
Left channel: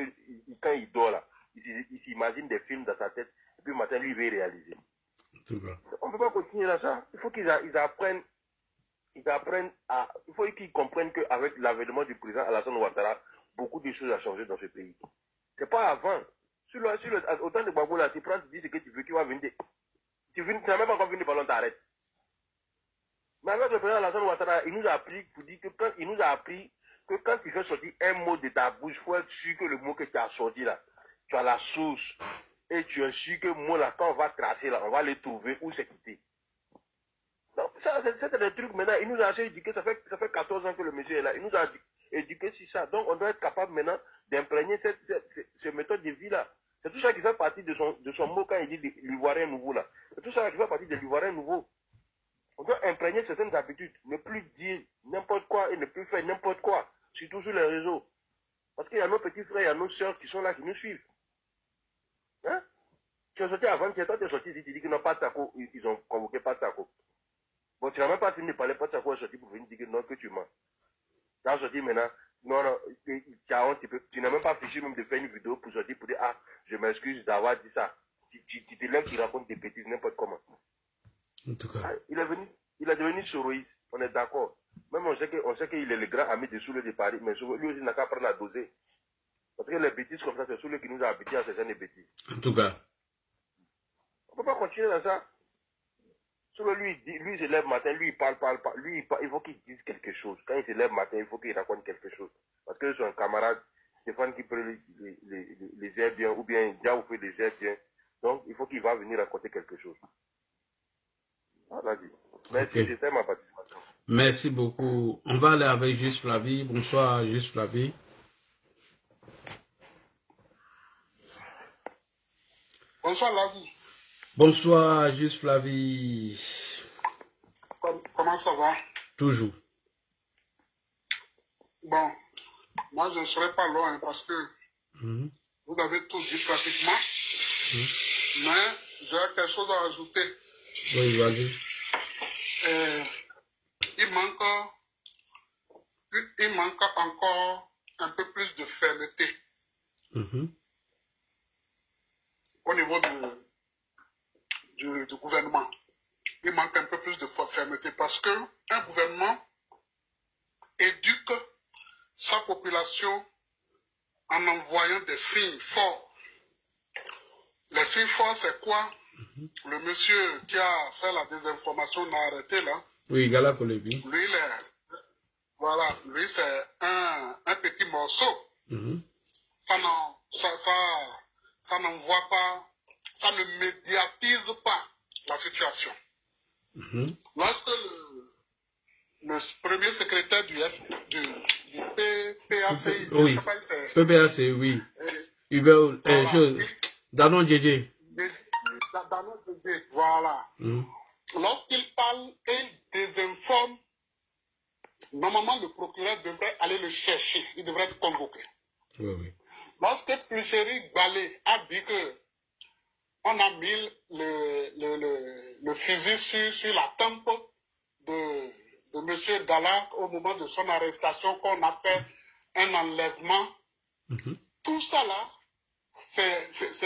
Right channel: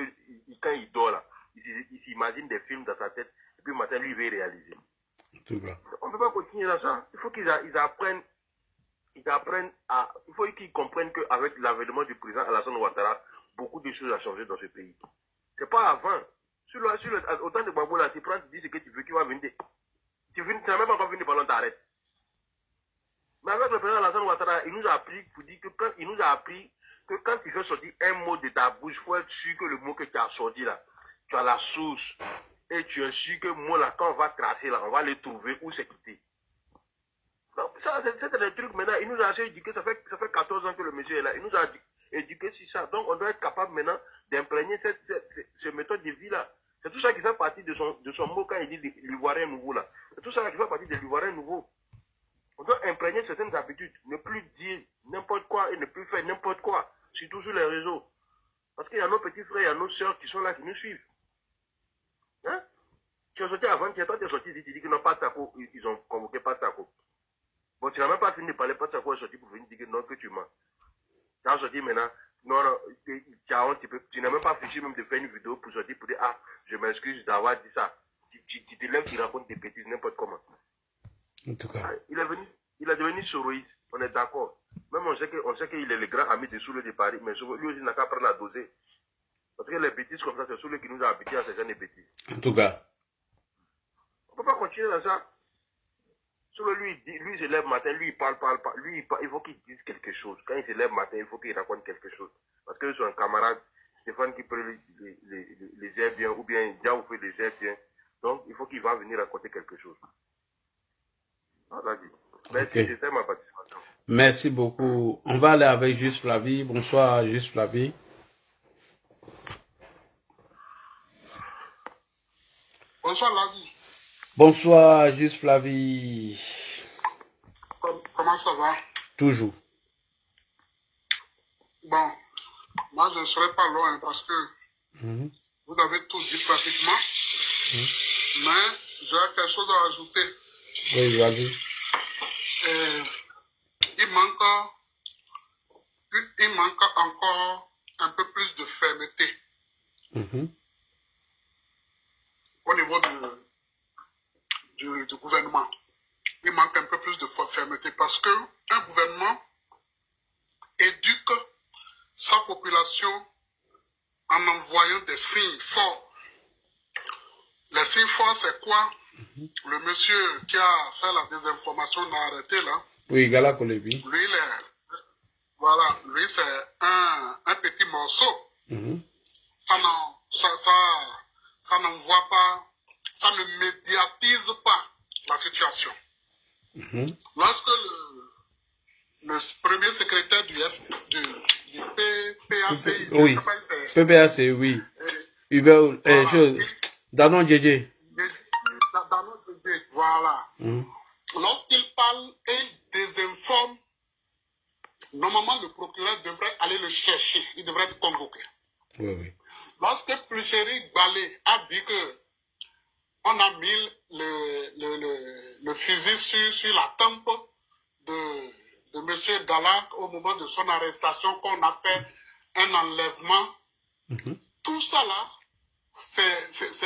quand il dort là, il s'imagine des films dans sa tête. Et puis le matin, lui, il veut réaliser. On ne peut pas continuer dans ça. Il faut qu'ils apprennent. Il faut qu'ils comprennent qu'avec l'avènement du président Alassane Ouattara, beaucoup de choses ont changé dans ce pays. C'est pas avant. Autant de Babou là, tu prends, tu dis ce que tu veux, tu vas venir. Tu n'as même pas encore fini de parler, t'arrêtes. Mais avec le président Alassane Ouattara, il nous a appris que quand tu fais sortir un mot de ta bouche, il faut être sûr que le mot que tu as sorti là, tu as la source. Et tu es sûr que moi là, quand on va tracer là, on va les trouver où c'est quitté. Donc ça, c'est des trucs maintenant. Il nous a assez éduqué, ça fait 14 ans que le monsieur est là. Il nous a éduqué sur ça. Donc on doit être capable maintenant d'imprégner cette méthode de vie là. C'est tout ça qui fait partie de son mot quand il dit l'ivoirien nouveau là. C'est tout ça qui fait partie de l'ivoirien nouveau. On doit imprégner certaines habitudes, ne plus dire n'importe quoi et ne plus faire n'importe quoi, surtout sur les réseaux. Parce qu'il y a nos petits frères, il y a nos soeurs qui sont là, qui nous suivent. Hein? Tu es sorti avant, toi tu es sorti ici, tu dis que non, pas Tako, ils ont convoqué pas Tako. Bon, tu n'as même pas fini de parler, pas Tako est sorti pour venir dire que non, que tu mens. Tu as sorti maintenant, non, tu n'as même pas fichu même de faire une vidéo pour sortir pour dire, ah, je m'excuse d'avoir dit ça. Tu te lèves, tu racontes des bêtises, n'importe comment. En tout cas. Il est devenu soroïste, on est d'accord. Même on sait qu'il est le grand ami de Soule de Paris, mais lui aussi n'a qu'à prendre la dosée. Parce que les bêtises comme ça, c'est Soule qui nous a habitués à ces gens de bêtises. En tout cas. On ne peut pas continuer dans ça. Soule, lui, il se lève le matin, lui, il parle. Lui, il faut qu'il dise quelque chose. Quand il se lève le matin, il faut qu'il raconte quelque chose. Parce que son camarade, Stéphane, qui peut les gère bien, ou bien Diaw fait les gère bien. Donc, il faut qu'il va venir raconter quelque chose. Voilà. Merci, okay. C'était ma participation. Merci beaucoup. On va aller avec Juste Flavie. Bonsoir, Juste Flavie. Bonsoir, Ladi. Bonsoir, Juste Flavie. Comment ça va? Toujours. Bon, moi je ne serai pas loin parce que vous avez tout dit pratiquement. Mais j'aurais quelque chose à ajouter. Oui, vas-y. Il manque encore un peu plus de fermeté au niveau du gouvernement. Il manque un peu plus de fermeté parce qu'un gouvernement éduque sa population en envoyant des signes forts. Les signes forts, c'est quoi? Le monsieur qui a fait la désinformation, on a arrêté là. Oui, Gala Koulibi. Lui, ça n'envoie pas, ça ne médiatise pas la situation. Lorsque le premier secrétaire du PPACI, oui, PPACI, oui, Hubert, Danon Djedje. Danon Djedje, voilà. Lorsqu'il parle et il désinforme, normalement le procureur devrait aller le chercher, il devrait être convoqué. Oui, oui. Lorsque Pulchéry Balé a dit que on a mis le fusil sur la tempe de M. Gala au moment de son arrestation, qu'on a fait un enlèvement. Tout ça là,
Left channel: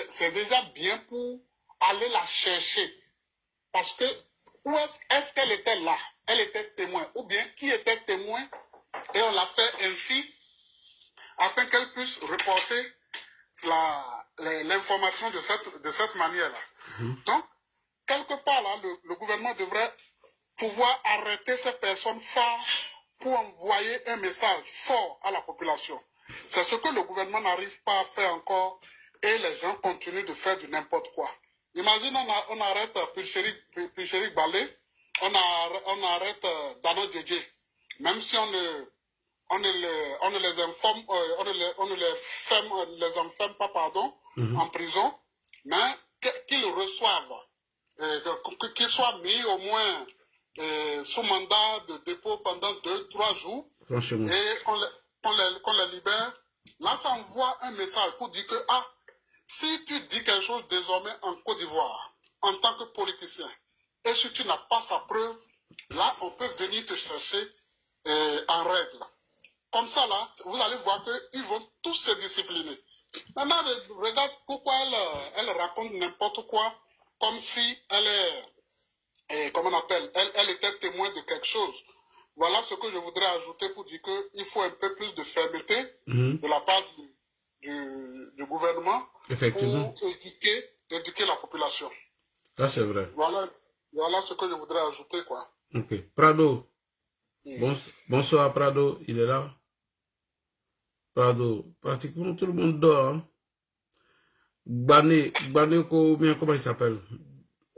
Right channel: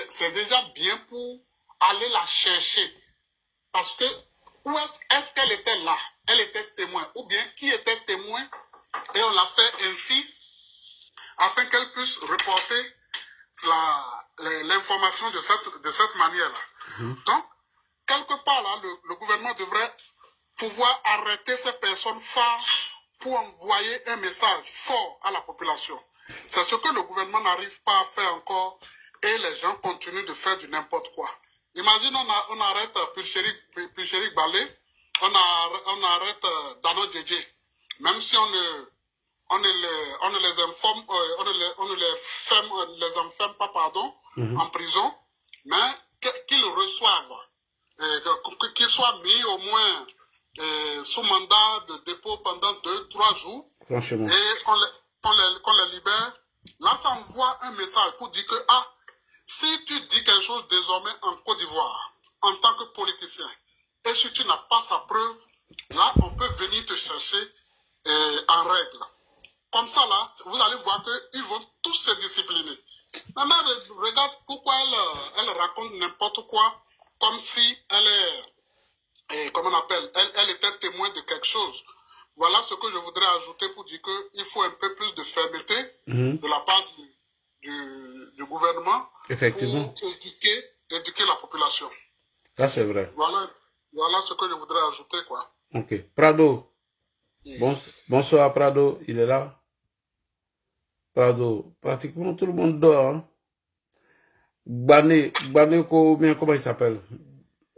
c'est déjà bien pour aller la chercher. Parce que, où est-ce qu'elle était là? Elle était témoin. Ou bien, qui était témoin? Et on l'a fait ainsi, afin qu'elle puisse reporter l'information de cette manière-là. Donc, quelque part là, le gouvernement devrait pouvoir arrêter ces personnes phares pour envoyer un message fort à la population. C'est ce que le gouvernement n'arrive pas à faire encore et les gens continuent de faire du n'importe quoi. Imagine, on arrête Pulchéry Balé, on arrête Danon Djedje. Même si on ne les informe, on ne les enferme pas, pardon, en prison, mais qu'ils reçoivent, qu'ils soient mis au moins sous mandat de dépôt pendant 2-3 jours, et qu'on les libère. Là, ça envoie un message pour dire que, si tu dis quelque chose désormais en Côte d'Ivoire, en tant que politicien, et si tu n'as pas sa preuve, là, on peut venir te chercher en règle. Comme ça, là, vous allez voir qu'ils vont tous se discipliner. Maintenant, regarde pourquoi elle raconte n'importe quoi, comme si elle est, comment on appelle, elle était témoin de quelque chose. Voilà ce que je voudrais ajouter pour dire qu'il faut un peu plus de fermeté de la part du gouvernement. Effectivement. Pour éduquer la population. Ça, c'est vrai. Voilà ce que je voudrais ajouter, quoi. Ok. Prado. Bonsoir, Prado. Il est là. Prado. Pratiquement tout le monde dort. Hein? Bané, comment il s'appelle?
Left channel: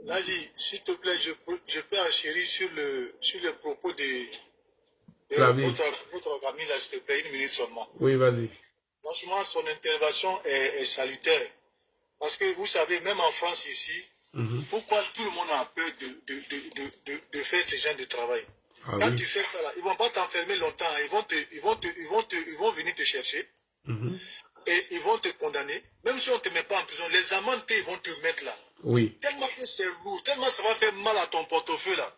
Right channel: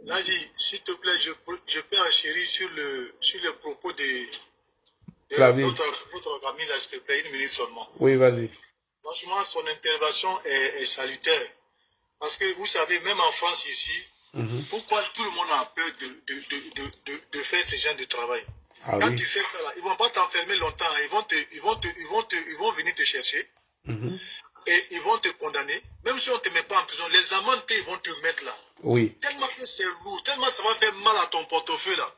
Naji, s'il te plaît, je peux enchérir sur le propos de votre ami, là, s'il te plaît, 1 minute seulement. Oui, vas-y. Franchement, son intervention est salutaire. Parce que vous savez, même en France ici, pourquoi tout le monde a peur de faire ce genre de travail? Quand tu fais ça là, ils ne vont pas t'enfermer longtemps, ils vont venir te chercher et ils vont te condamner. Même si on ne te met pas en prison, les amendes qu'ils vont te mettre là. Oui. Tellement que c'est lourd, tellement ça va faire mal à ton portefeuille là.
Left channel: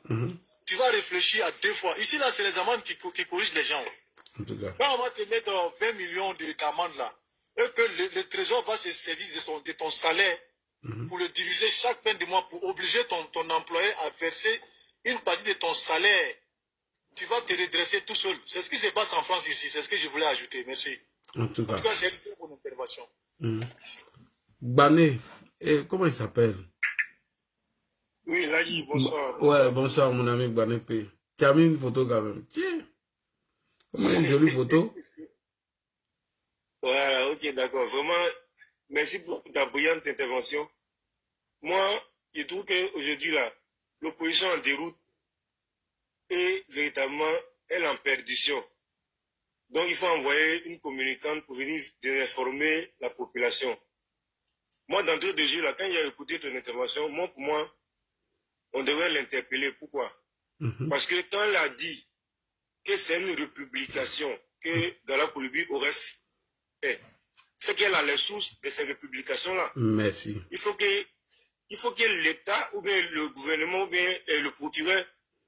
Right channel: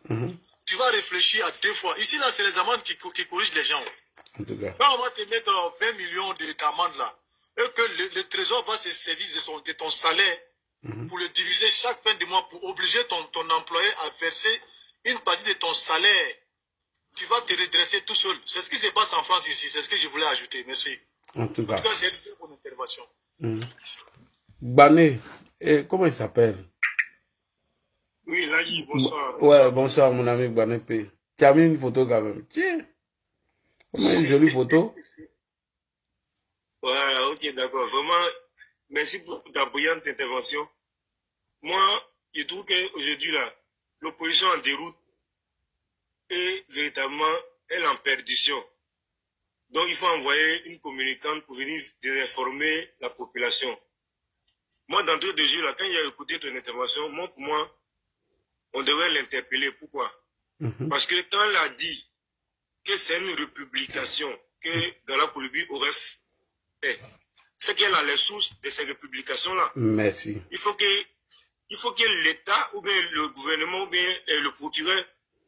Tu vas réfléchir à 2 fois. Ici là, c'est les amendes qui corrigent les gens. En tout cas. Quand on va te mettre 20 millions d'amendes là, et que le trésor va se servir de ton salaire pour le diviser chaque fin de mois, pour obliger ton employé à verser une partie de ton salaire, tu vas te redresser tout seul. C'est ce qui se passe en France ici, c'est ce que je voulais ajouter. Merci. En tout cas, c'est une bonne intervention. Bané, comment il s'appelle? Oui, Lagi, bonsoir. Ouais, bonsoir mon ami Bané P. Tu as mis une photo quand même. Tiens, comment une jolie photo. Voilà, ok, d'accord. Vraiment, merci pour ta brillante intervention. Moi, je trouve qu'aujourd'hui, là, l'opposition en déroute est véritablement, elle en perdition. Donc, il faut envoyer une communicante pour venir désinformer la population. Moi, d'entrée de jeu, là, quand il a écouté ton intervention, pour moi, on devrait l'interpeller. Pourquoi? Parce que quand elle a dit que c'est une républication que Gala Koulibi aurait fait, c'est qu'elle a les sources de ces républications-là. Merci. Il faut que l'État, ou bien le gouvernement, ou bien le procureur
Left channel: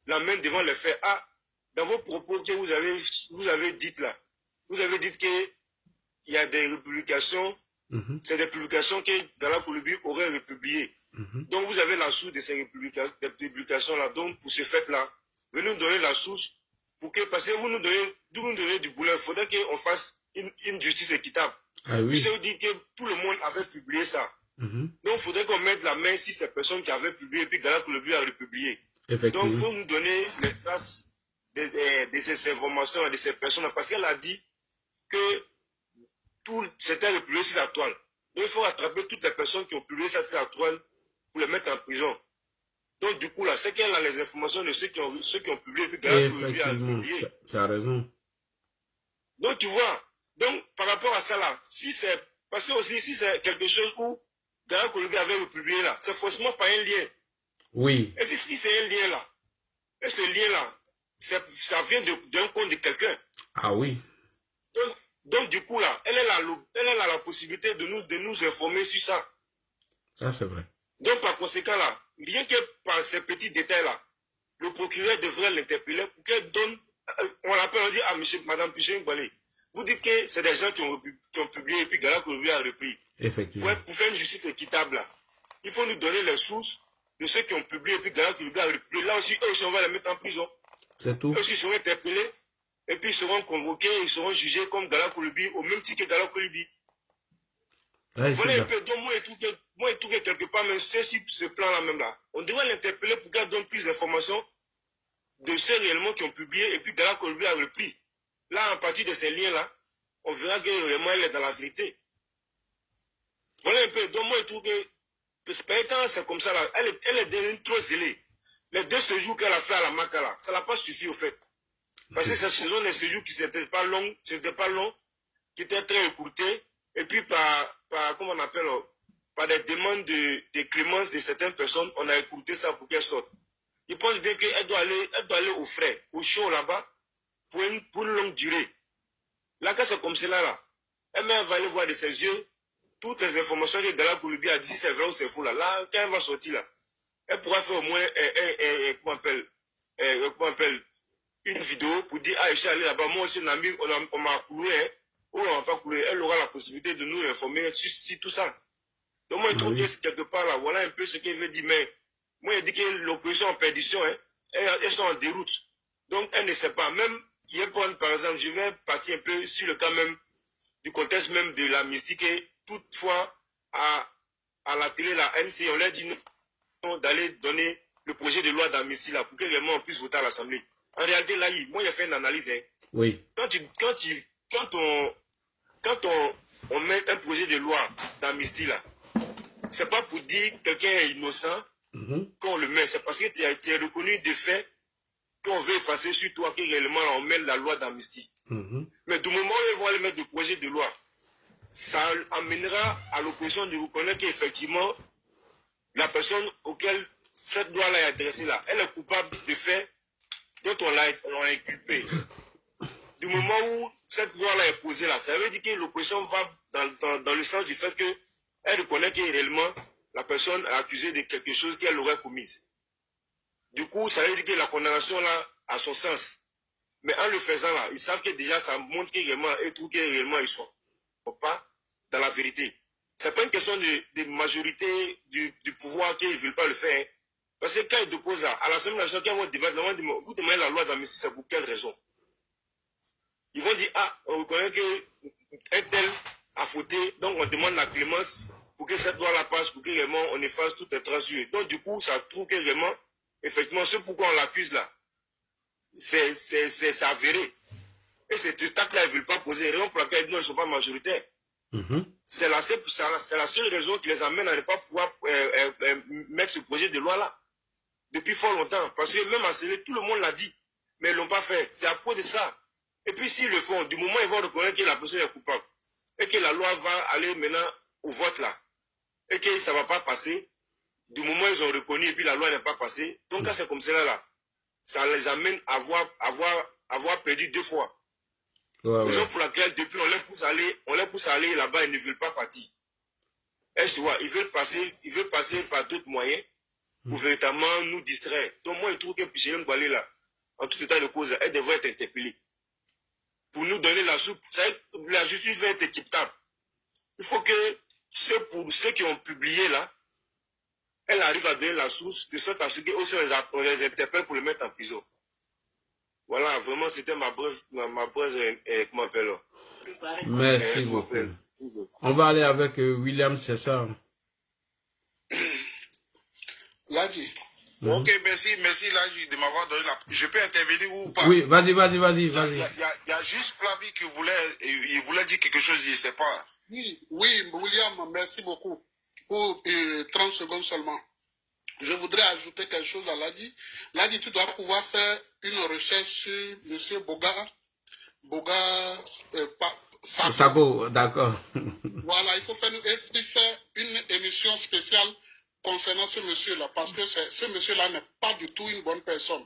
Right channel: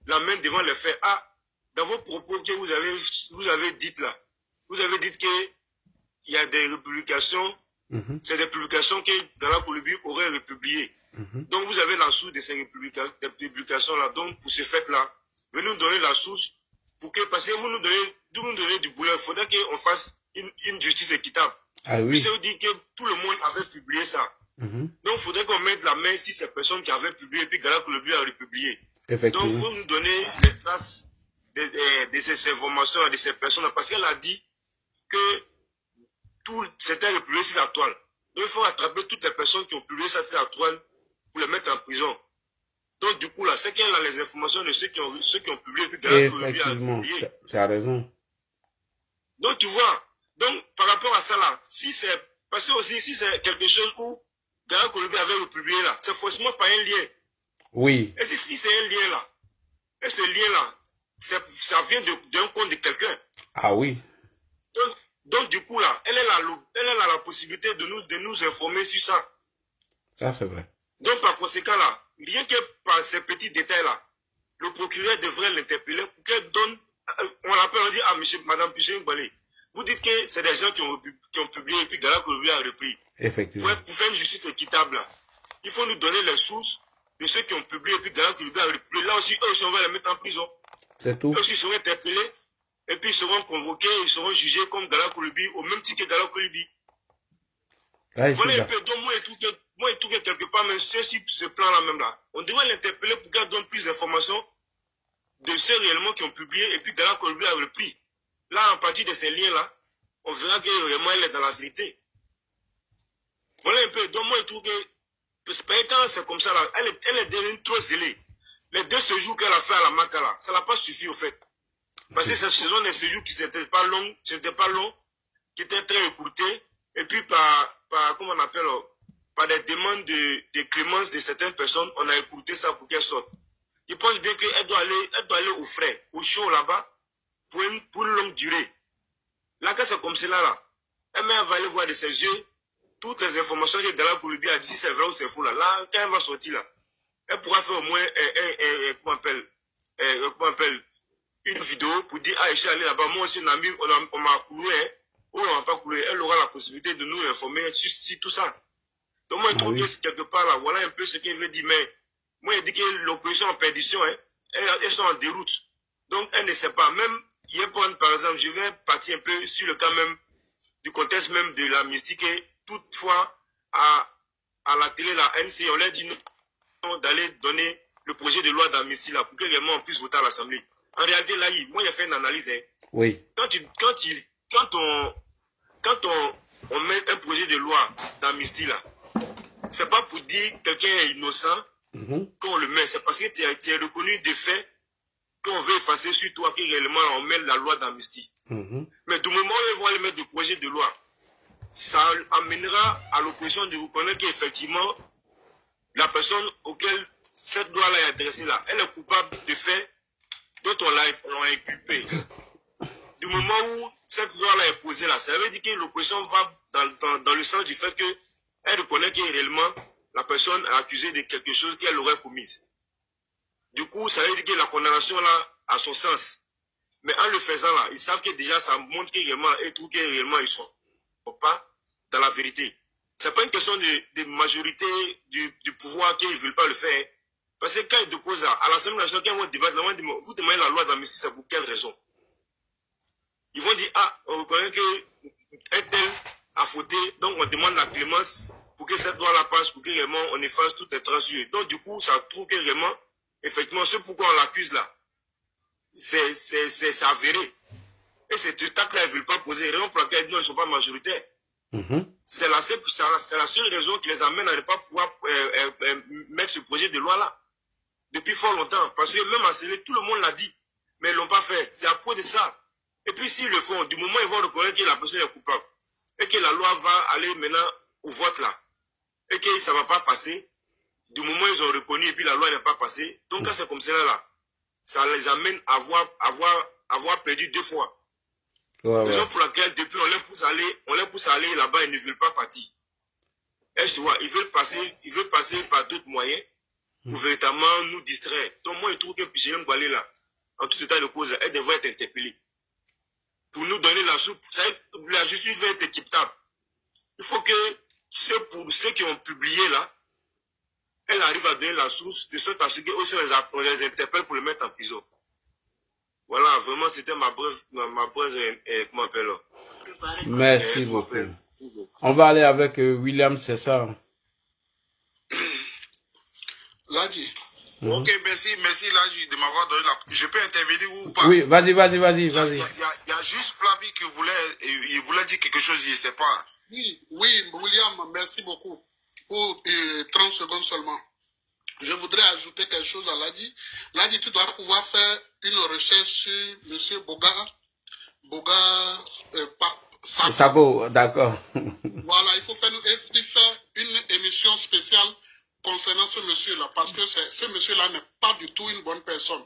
l'amène devant les faits. Dans vos propos que vous avez dit là, vous avez dit qu'il y a des républications, c'est des publications que Gala Koulibi aurait republiées. Donc vous avez la source de ces publications-là. Donc pour ce fait-là, venez nous donner la source, parce que vous nous donnez du boulot. Il faudrait qu'on fasse une justice équitable. Oui. Ça veut dire que tout le monde avait publié ça. Donc il faudrait qu'on mette la main sur ces personnes qui avaient publié, et puis Gala Koulibi a republié. Donc il faut nous donner les traces de ces informations, de ces personnes, parce qu'elle a dit que tout c'était republié sur la toile. Donc il faut attraper toutes les personnes qui ont publié ça sur la toile pour les mettre en prison. Donc du coup là, c'est qu'il y a les informations de ceux qui ont publié. Puis effectivement, tu as raison. Donc tu vois, donc par rapport à ça là, si c'est, parce que aussi si c'est quelque chose où Gala Kolobi avait republié là, c'est forcément pas un lien. Oui. Et si c'est un lien là, et ce lien là, ça vient d'un compte de quelqu'un. Ah oui. Donc du coup là, elle a la possibilité de nous informer sur ça. Ça c'est vrai. Donc par conséquent là, rien que par ces petits détails là, le procureur devrait l'interpeller pour qu'elle donne, on l'appelle, on dit, ah monsieur, madame Piché Ngbalé, vous dites que c'est des gens qui ont publié et puis Gala Kolobi a repris. Effectivement. Pour faire une justice équitable là, il faut nous donner les sources de ceux qui ont publié et puis Gala Kolobi a repris. Là aussi, eux, on va les mettre en prison. C'est tout. Eux aussi seront interpellés et puis ils seront convoqués, ils seront jugés comme Gala Kolobi au même titre que Gala Kolobi. Voilà un peu, donc moi et tout quelque part, même ce plan-là même là, on devrait l'interpeller pour qu'elle donne plus d'informations de ceux réellement qui ont publié et puis Gala Kolobi a repris. Là, à partir de ces liens-là, on verra que vraiment elle est dans la vérité. Voilà un peu, donc moi et tout que quand c'est comme ça là, elle est devenue trop zélée. Les 2 séjours qu'elle a fait à la Maka là, ça n'a pas suffi au fait. Parce que ce sont des séjours qui n'étaient pas longs, qui étaient très écourtés, et puis comment on appelle, par des demandes de clémence de certaines personnes, on a écourté ça pour qu'elle sorte. Je pense bien qu'elle doit aller au frais, au chaud là-bas, pour une longue durée. Là, quand c'est comme cela là, elle va aller voir de ses yeux toutes les informations que Gala Kolobi a dit, si c'est vrai ou c'est faux là. Là, quand elle va sortir là, elle pourra faire au moins comment on appelle, une vidéo pour dire, ah, je suis allé là-bas, moi aussi, on m'a couru, hein, ou on m'a pas couru. Elle aura la possibilité de nous informer sur tout ça. Donc moi, je trouve que quelque part là, voilà un peu ce qu'il veut dire, mais moi, il dit que l'opposition en perdition, hein, elles sont en déroute. Donc, elle ne sait pas. Même, hier, par exemple, je vais partir un peu sur le cas même, du contexte même de l'amnistie, que toutefois, à la télé, la NC, on leur dit d'aller donner le projet de loi d'amnistie là, pour que réellement on puisse voter à l'Assemblée. En réalité, là, moi, j'ai fait une analyse. Hein. Oui. Quand on met un projet de loi d'amnistie là, c'est pas pour dire que quelqu'un est innocent qu'on le met. C'est parce que tu es reconnu de fait qu'on veut effacer sur toi que réellement on met la loi d'amnistie. Mais du moment où ils vont aller mettre le projet de loi, ça amènera à l'opposition de reconnaître qu'effectivement, la personne auquel cette loi-là est adressée là, elle est coupable de faits dont on l'a inculpé. Du moment où cette loi-là est posée là, ça veut dire que l'opposition va dans le sens du fait qu'elle reconnaît que réellement la personne est accusée de quelque chose qu'elle aurait commise. Du coup, ça veut dire que la condamnation là a son sens. Mais en le faisant là, ils savent que déjà ça montre que réellement ils sont pas dans la vérité. C'est pas une question de majorité du pouvoir qu'ils ne veulent pas le faire. Parce que quand ils déposent à l'Assemblée nationale, quand ils vont débattre, vous demandez la loi d'amnistie, c'est pour quelle raison? Ils vont dire, ah, on reconnaît qu'un tel a fauté, donc on demande la clémence pour que cette loi-là passe, pour que réellement on efface toutes les traces. Donc du coup, ça trouve que vraiment, effectivement, ce pourquoi on l'accuse là, c'est avéré. Et cet acte-là, ils ne veulent pas poser, raison pour laquelle ils ne sont pas majoritaires. C'est la seule raison qui les amène à ne pas pouvoir mettre ce projet de loi-là. Depuis fort longtemps. Parce que même à Sélé, tout le monde l'a dit. Mais ils ne l'ont pas fait. C'est à cause de ça. Et puis s'ils le font, du moment où ils vont reconnaître que la personne est coupable, et que la loi va aller maintenant au vote là, et que ça ne va pas passer, du moment où ils ont reconnu et puis la loi n'est pas passée, donc quand c'est comme cela là, ça les amène à avoir perdu 2 fois. Raison pour laquelle depuis on les pousse à aller là-bas, ils ne veulent pas partir. Et tu vois, ils veulent passer par d'autres moyens pour véritablement nous distraire. Donc moi je trouve que Piché Ngbalé là, en tout état de cause, elle devrait être interpellée. Pour nous donner la soupe, la justice va être équitable. Il faut que pour ceux qui ont publié là, elle arrive à donner la source de sorte à ce qu'on les interpelle pour les mettre en prison. Voilà, vraiment, c'était ma brève, comment on appelle là. Merci beaucoup. On va aller avec William, c'est ça. Ladji. Ok, merci Ladji de m'avoir donné la... Je peux intervenir ou pas? Oui, vas-y. Il y a juste Flavie qui voulait dire quelque chose, je ne sais pas. Oui, William, merci beaucoup. Pour 30 secondes seulement. Je voudrais ajouter quelque chose à Ladi. Ladi, tu dois pouvoir faire une recherche sur M. Boga Sako, d'accord. Voilà, il faut faire une émission spéciale concernant ce monsieur-là, parce que ce monsieur-là n'est pas du tout une bonne personne.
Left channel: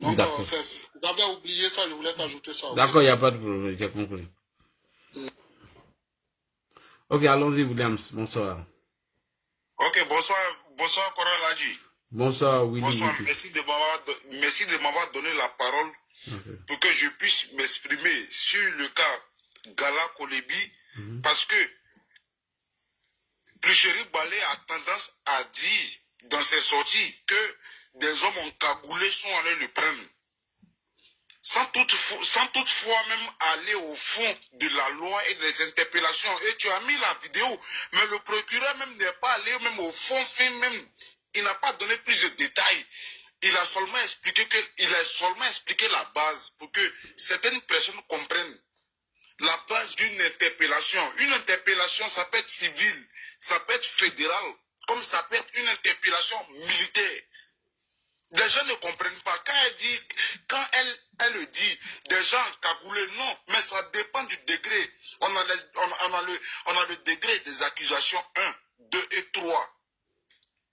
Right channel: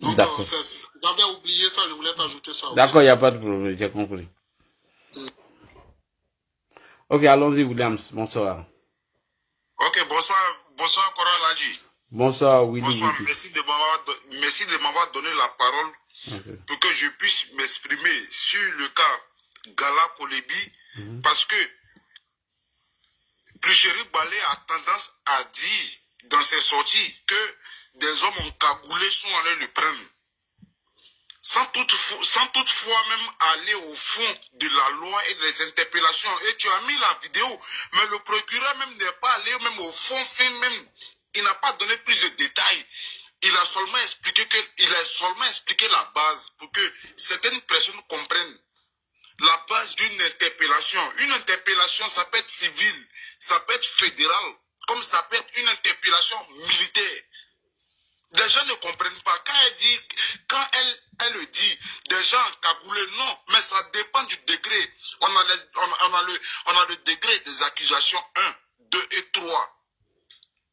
Donc, j'avais oublié ça, je voulais t'ajouter ça. D'accord, il n'y a pas de problème, j'ai compris. Ok, allons-y, Williams. Bonsoir. Ok, bonsoir, Koral Ladji. Bonsoir, Willy. Bonsoir, merci de m'avoir donné la parole pour que je puisse m'exprimer sur le cas Gala Kolebi, parce que Plucheri Balé a tendance à dire dans ses sorties que des hommes encagoulés sont allés le prendre. Sans toutefois même aller au fond de la loi et des interpellations. Et tu as mis la vidéo, mais le procureur même n'est pas allé même au fond, même. Il n'a pas donné plus de détails. Il a seulement expliqué la base pour que certaines personnes comprennent la base d'une interpellation. Une interpellation, ça peut être civile, ça peut être fédérale, comme ça peut être une interpellation militaire. Des gens ne comprennent pas. Quand elle le dit, des gens encagoulés, non, mais ça dépend du degré. On a le degré des accusations 1, 2 et 3.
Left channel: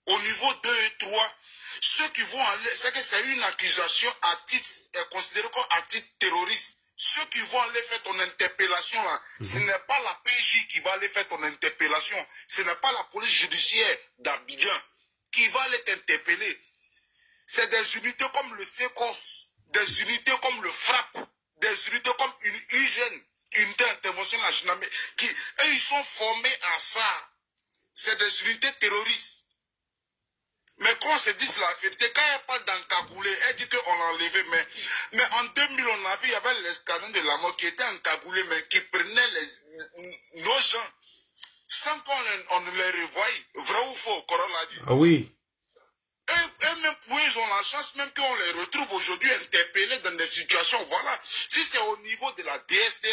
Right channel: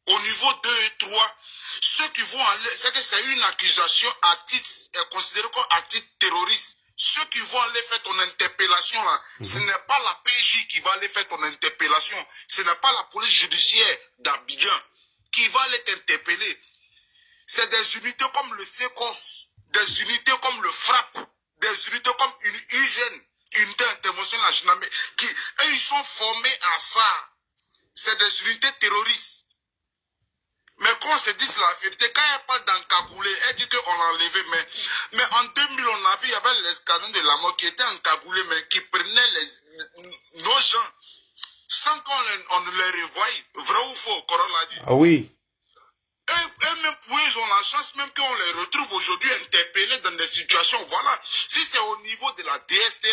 Au niveau 2 et 3, ceux qui vont aller, c'est que c'est une accusation à titre, considérée comme à titre terroriste. Ceux qui vont aller faire ton interpellation là, ce n'est pas la PJ qui va aller faire ton interpellation. Ce n'est pas la police judiciaire d'Abidjan qui va aller t'interpeller. C'est des unités comme le SECOS, des unités comme le FRAP, des unités comme une hygiène, unité d'intervention de la Jinamé, qui, eux, ils sont formés à ça. C'est des unités terroristes. Mais quand on se dit la vérité, quand elle parle d'encagoulé, elle dit qu'on l'a enlevé. Mais en 2000, on a vu, il y avait l'escadron de la mort qui était encagoulé, mais qui prenait nos gens sans qu'on ne les revoie. Vrai ou faux, Coral a dit. Ah oui. Et même pour eux, ils ont la chance même qu'on les retrouve aujourd'hui interpellés dans des situations. Voilà. Si c'est au niveau de la DST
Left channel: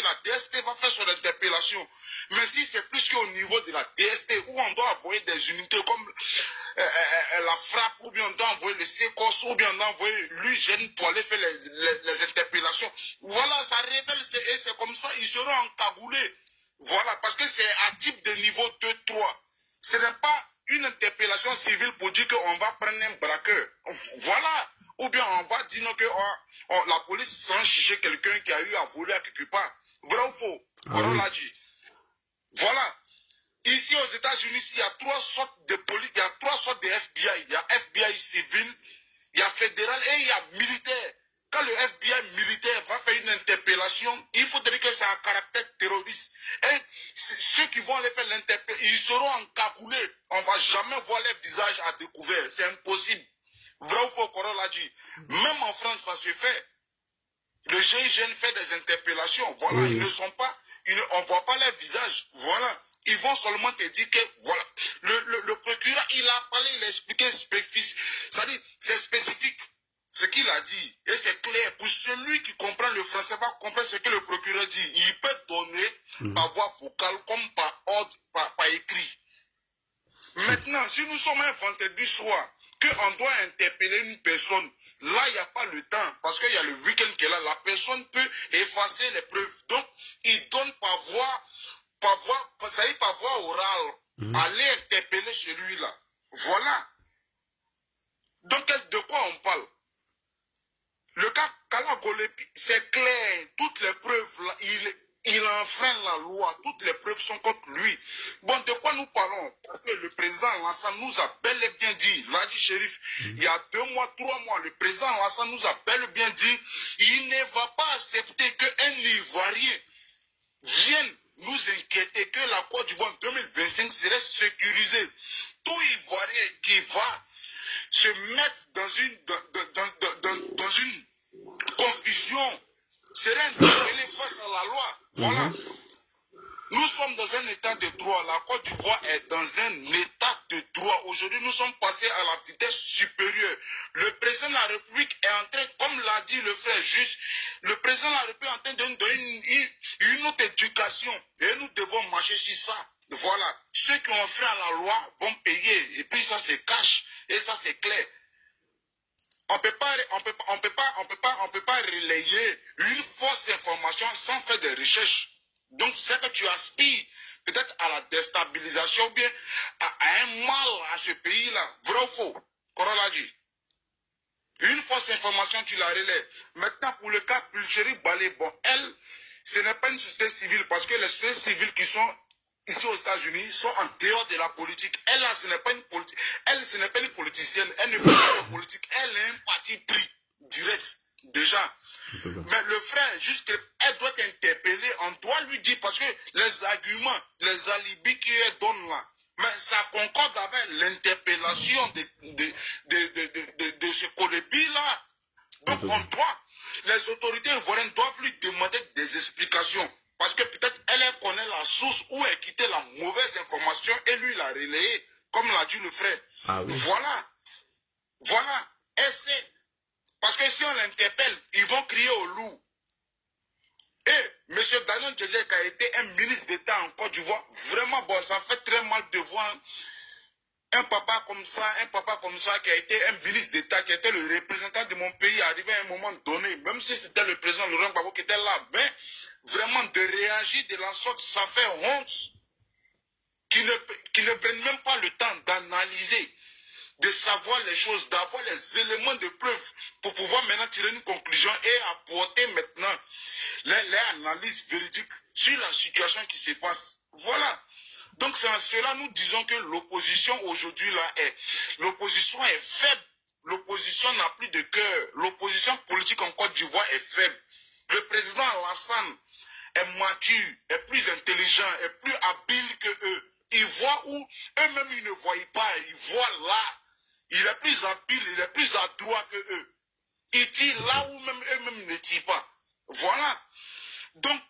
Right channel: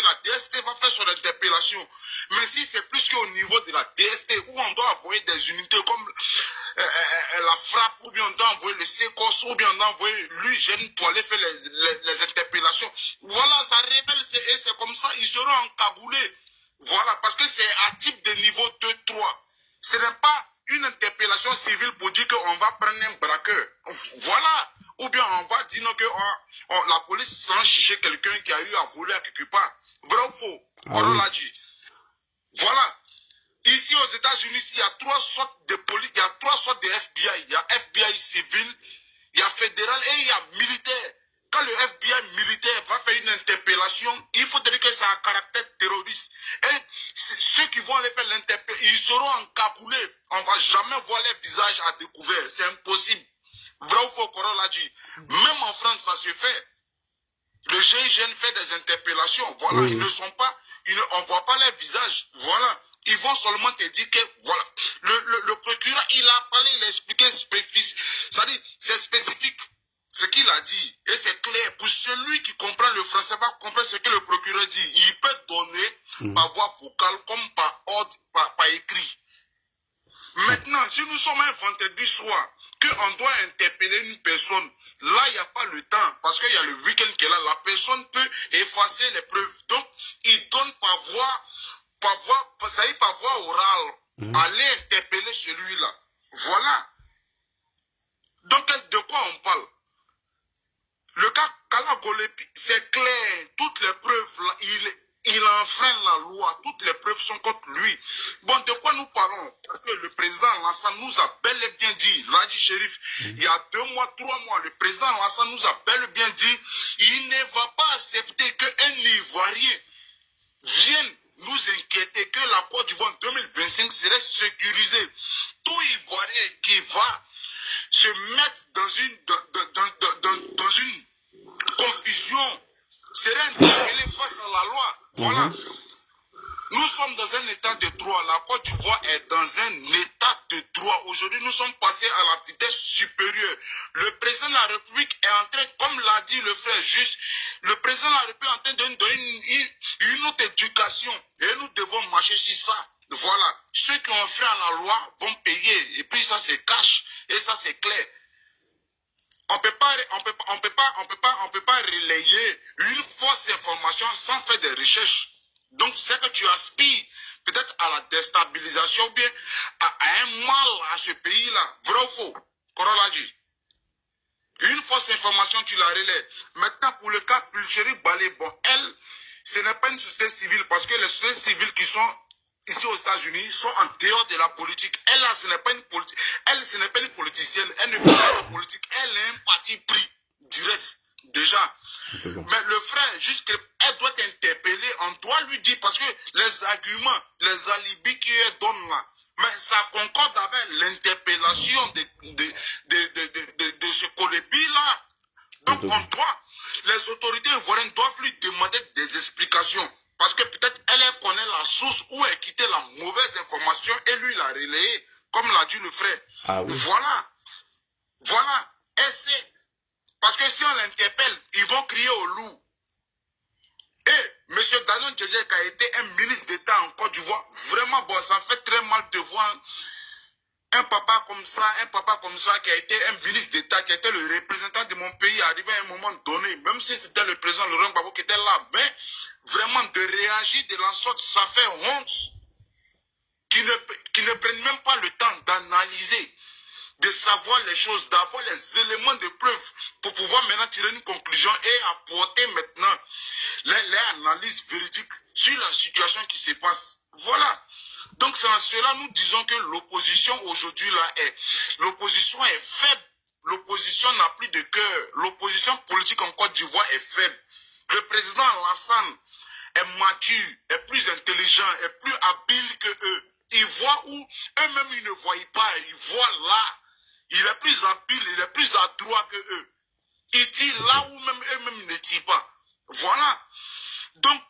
va faire son interpellation. Mais si c'est plus qu'au niveau de la DST, où on doit envoyer des unités comme la frappe, ou bien on doit envoyer le SECOS, ou bien on doit envoyer l'UGN pour aller faire les interpellations. Voilà, ça révèle, et c'est comme ça, ils seront encagoulés. Voilà, parce que c'est à type de niveau 2-3. Ce n'est pas une interpellation civile pour dire qu'on va prendre un braqueur. Voilà. Ou bien on va dire que la police sans juger quelqu'un qui a eu à voler à quelque part. Vrai ou faux? On l'a dit. Voilà. Ici aux États-Unis, il y a 3 sortes de police, il y a 3 sortes de FBI. Il y a FBI civil, il y a fédéral et il y a militaire. Quand le FBI militaire va faire une interpellation, il faut dire que c'est un caractère terroriste. Et ceux qui vont aller faire l'interpellation, ils seront encagoulés. On ne va jamais voir leur visage à découvert. C'est impossible. Vrai ou faux, Coral a dit. Même en France, ça se fait. Le GIGN fait des interpellations. Voilà, ils ne sont pas, on ne voit pas leur visage. Voilà. Ils vont seulement te dire que, voilà, le procureur, il a parlé, il a expliqué, c'est-à-dire, c'est spécifique. Ce qu'il a dit, et c'est clair, pour celui qui comprend le français, va comprendre ce que le procureur dit. Il peut donner par voie vocale comme par ordre, par écrit. Maintenant, si nous sommes un vendredi soir, qu'on doit interpeller une personne, là, il n'y a pas le temps, parce qu'il y a le week-end qui est là, la personne peut effacer les preuves. Donc, il donne par voie orale, aller interpeller celui-là. Voilà. Donc, de quoi on parle? Le cas Gala Kolebi, c'est clair, toutes les preuves, là, il enfreint la loi, toutes les preuves sont contre lui. Bon, de quoi nous parlons? Parce que le président Lassane nous a bel et bien dit, Ladji Chérif, il y a 2 mois, 3 mois, le président Lassane nous a bel et bien dit, il ne va pas accepter qu'un Ivoirien vienne nous inquiéter que la Côte d'Ivoire 2025 serait sécurisée. Tout Ivoirien qui va se mettre dans une confusion serait interpellé face à la loi. Voilà. Nous sommes dans un état de droit. La Côte d'Ivoire est dans un état de droit. Aujourd'hui, nous sommes passés à la vitesse supérieure. Le président de la République est en train, comme l'a dit le frère juste, le président de la République est en train de donner une autre éducation. Et nous devons marcher sur ça. Voilà. Ceux qui ont fait à la loi vont payer. Et puis ça, c'est cash. Et ça, c'est clair. On peut pas relayer une fausse information sans faire des recherches. Donc, c'est que tu aspires peut-être à la déstabilisation ou bien à un mal à ce pays-là. Vrai ou faux? Corolla dit. Une fausse information, tu la relais. Maintenant, pour le cas Pulchérie Balé, bon, elle, ce n'est pas une société civile parce que les sociétés civiles qui sont ici aux États-Unis sont en dehors de la politique. Elle, là, ce n'est pas une politique. Elle, ce n'est pas une politicienne. Elle ne fait pas de politique. Elle est un parti pris direct, déjà. Mais le frère, juste qu'elle doit interpeller, on doit lui dire, parce que les arguments, les alibis qu'elle donne là, mais ça concorde avec l'interpellation de ce Kolebi-là. Donc on doit, les autorités ivoiriennes doivent lui demander des explications. Parce que peut-être elle connaît la source où elle quittait la mauvaise information et lui l'a relayée, comme l'a dit le frère. Ah oui. Voilà. Voilà. Et c'est... Parce que si on l'interpelle, ils vont crier au loup. Et M. Daniel Djedje, qui a été un ministre d'État en Côte d'Ivoire, vraiment, bon, ça fait très mal de voir un papa comme ça, qui a été un ministre d'État, qui était le représentant de mon pays, arrivé à un moment donné, même si c'était le président Laurent Gbagbo qui était là, mais vraiment de réagir de la sorte, ça fait honte. Qui ne prennent même pas le temps d'analyser, de savoir les choses, d'avoir les éléments de preuve pour pouvoir maintenant tirer une conclusion et apporter maintenant les analyses véridiques sur la situation qui se passe. Voilà. Donc c'est en cela nous disons que l'opposition aujourd'hui là l'opposition est faible. L'opposition n'a plus de cœur. L'opposition politique en Côte d'Ivoire est faible. Le président Alassane est mature, est plus intelligent, est plus habile que eux. Ils voient où eux-mêmes ils ne voient pas, ils voient là. Il est plus habile, il est plus adroit que eux. Il tire là où même eux-mêmes ne tirent pas. Voilà. Donc,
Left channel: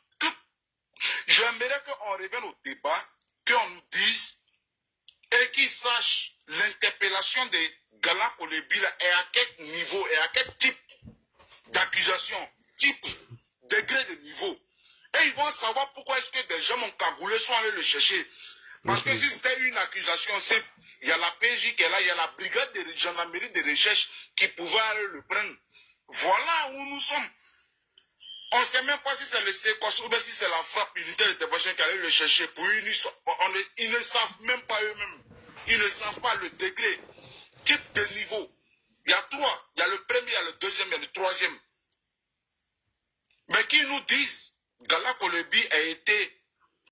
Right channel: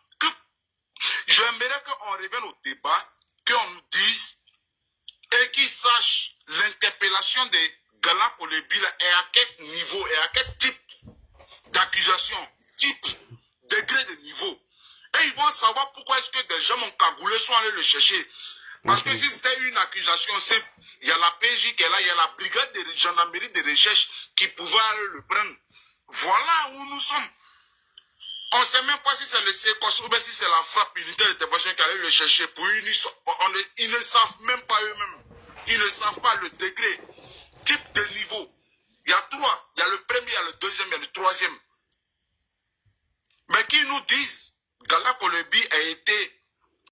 j'aimerais qu'on revienne au débat, qu'on nous dise et qu'ils sachent l'interpellation de Gala Kolebi et à quel niveau et à quel type d'accusation, type, degré de niveau. Et ils vont savoir pourquoi est-ce que des gens ont cagoulé sont allés le chercher. Parce que si c'était une accusation simple, il y a la PJ qui est là, il y a la brigade de gendarmerie de recherche qui pouvait aller le prendre. Voilà où nous sommes. On ne sait même pas si c'est le séquence ou si c'est la frappe unitaire d'intervention qui allait le chercher pour une histoire. Ils ne savent même pas eux-mêmes. Ils ne savent pas le degré, type de niveau. Il y a trois. Il y a le premier, il y a le deuxième, il y a le troisième. Mais qui nous disent, Gala Kolebi a été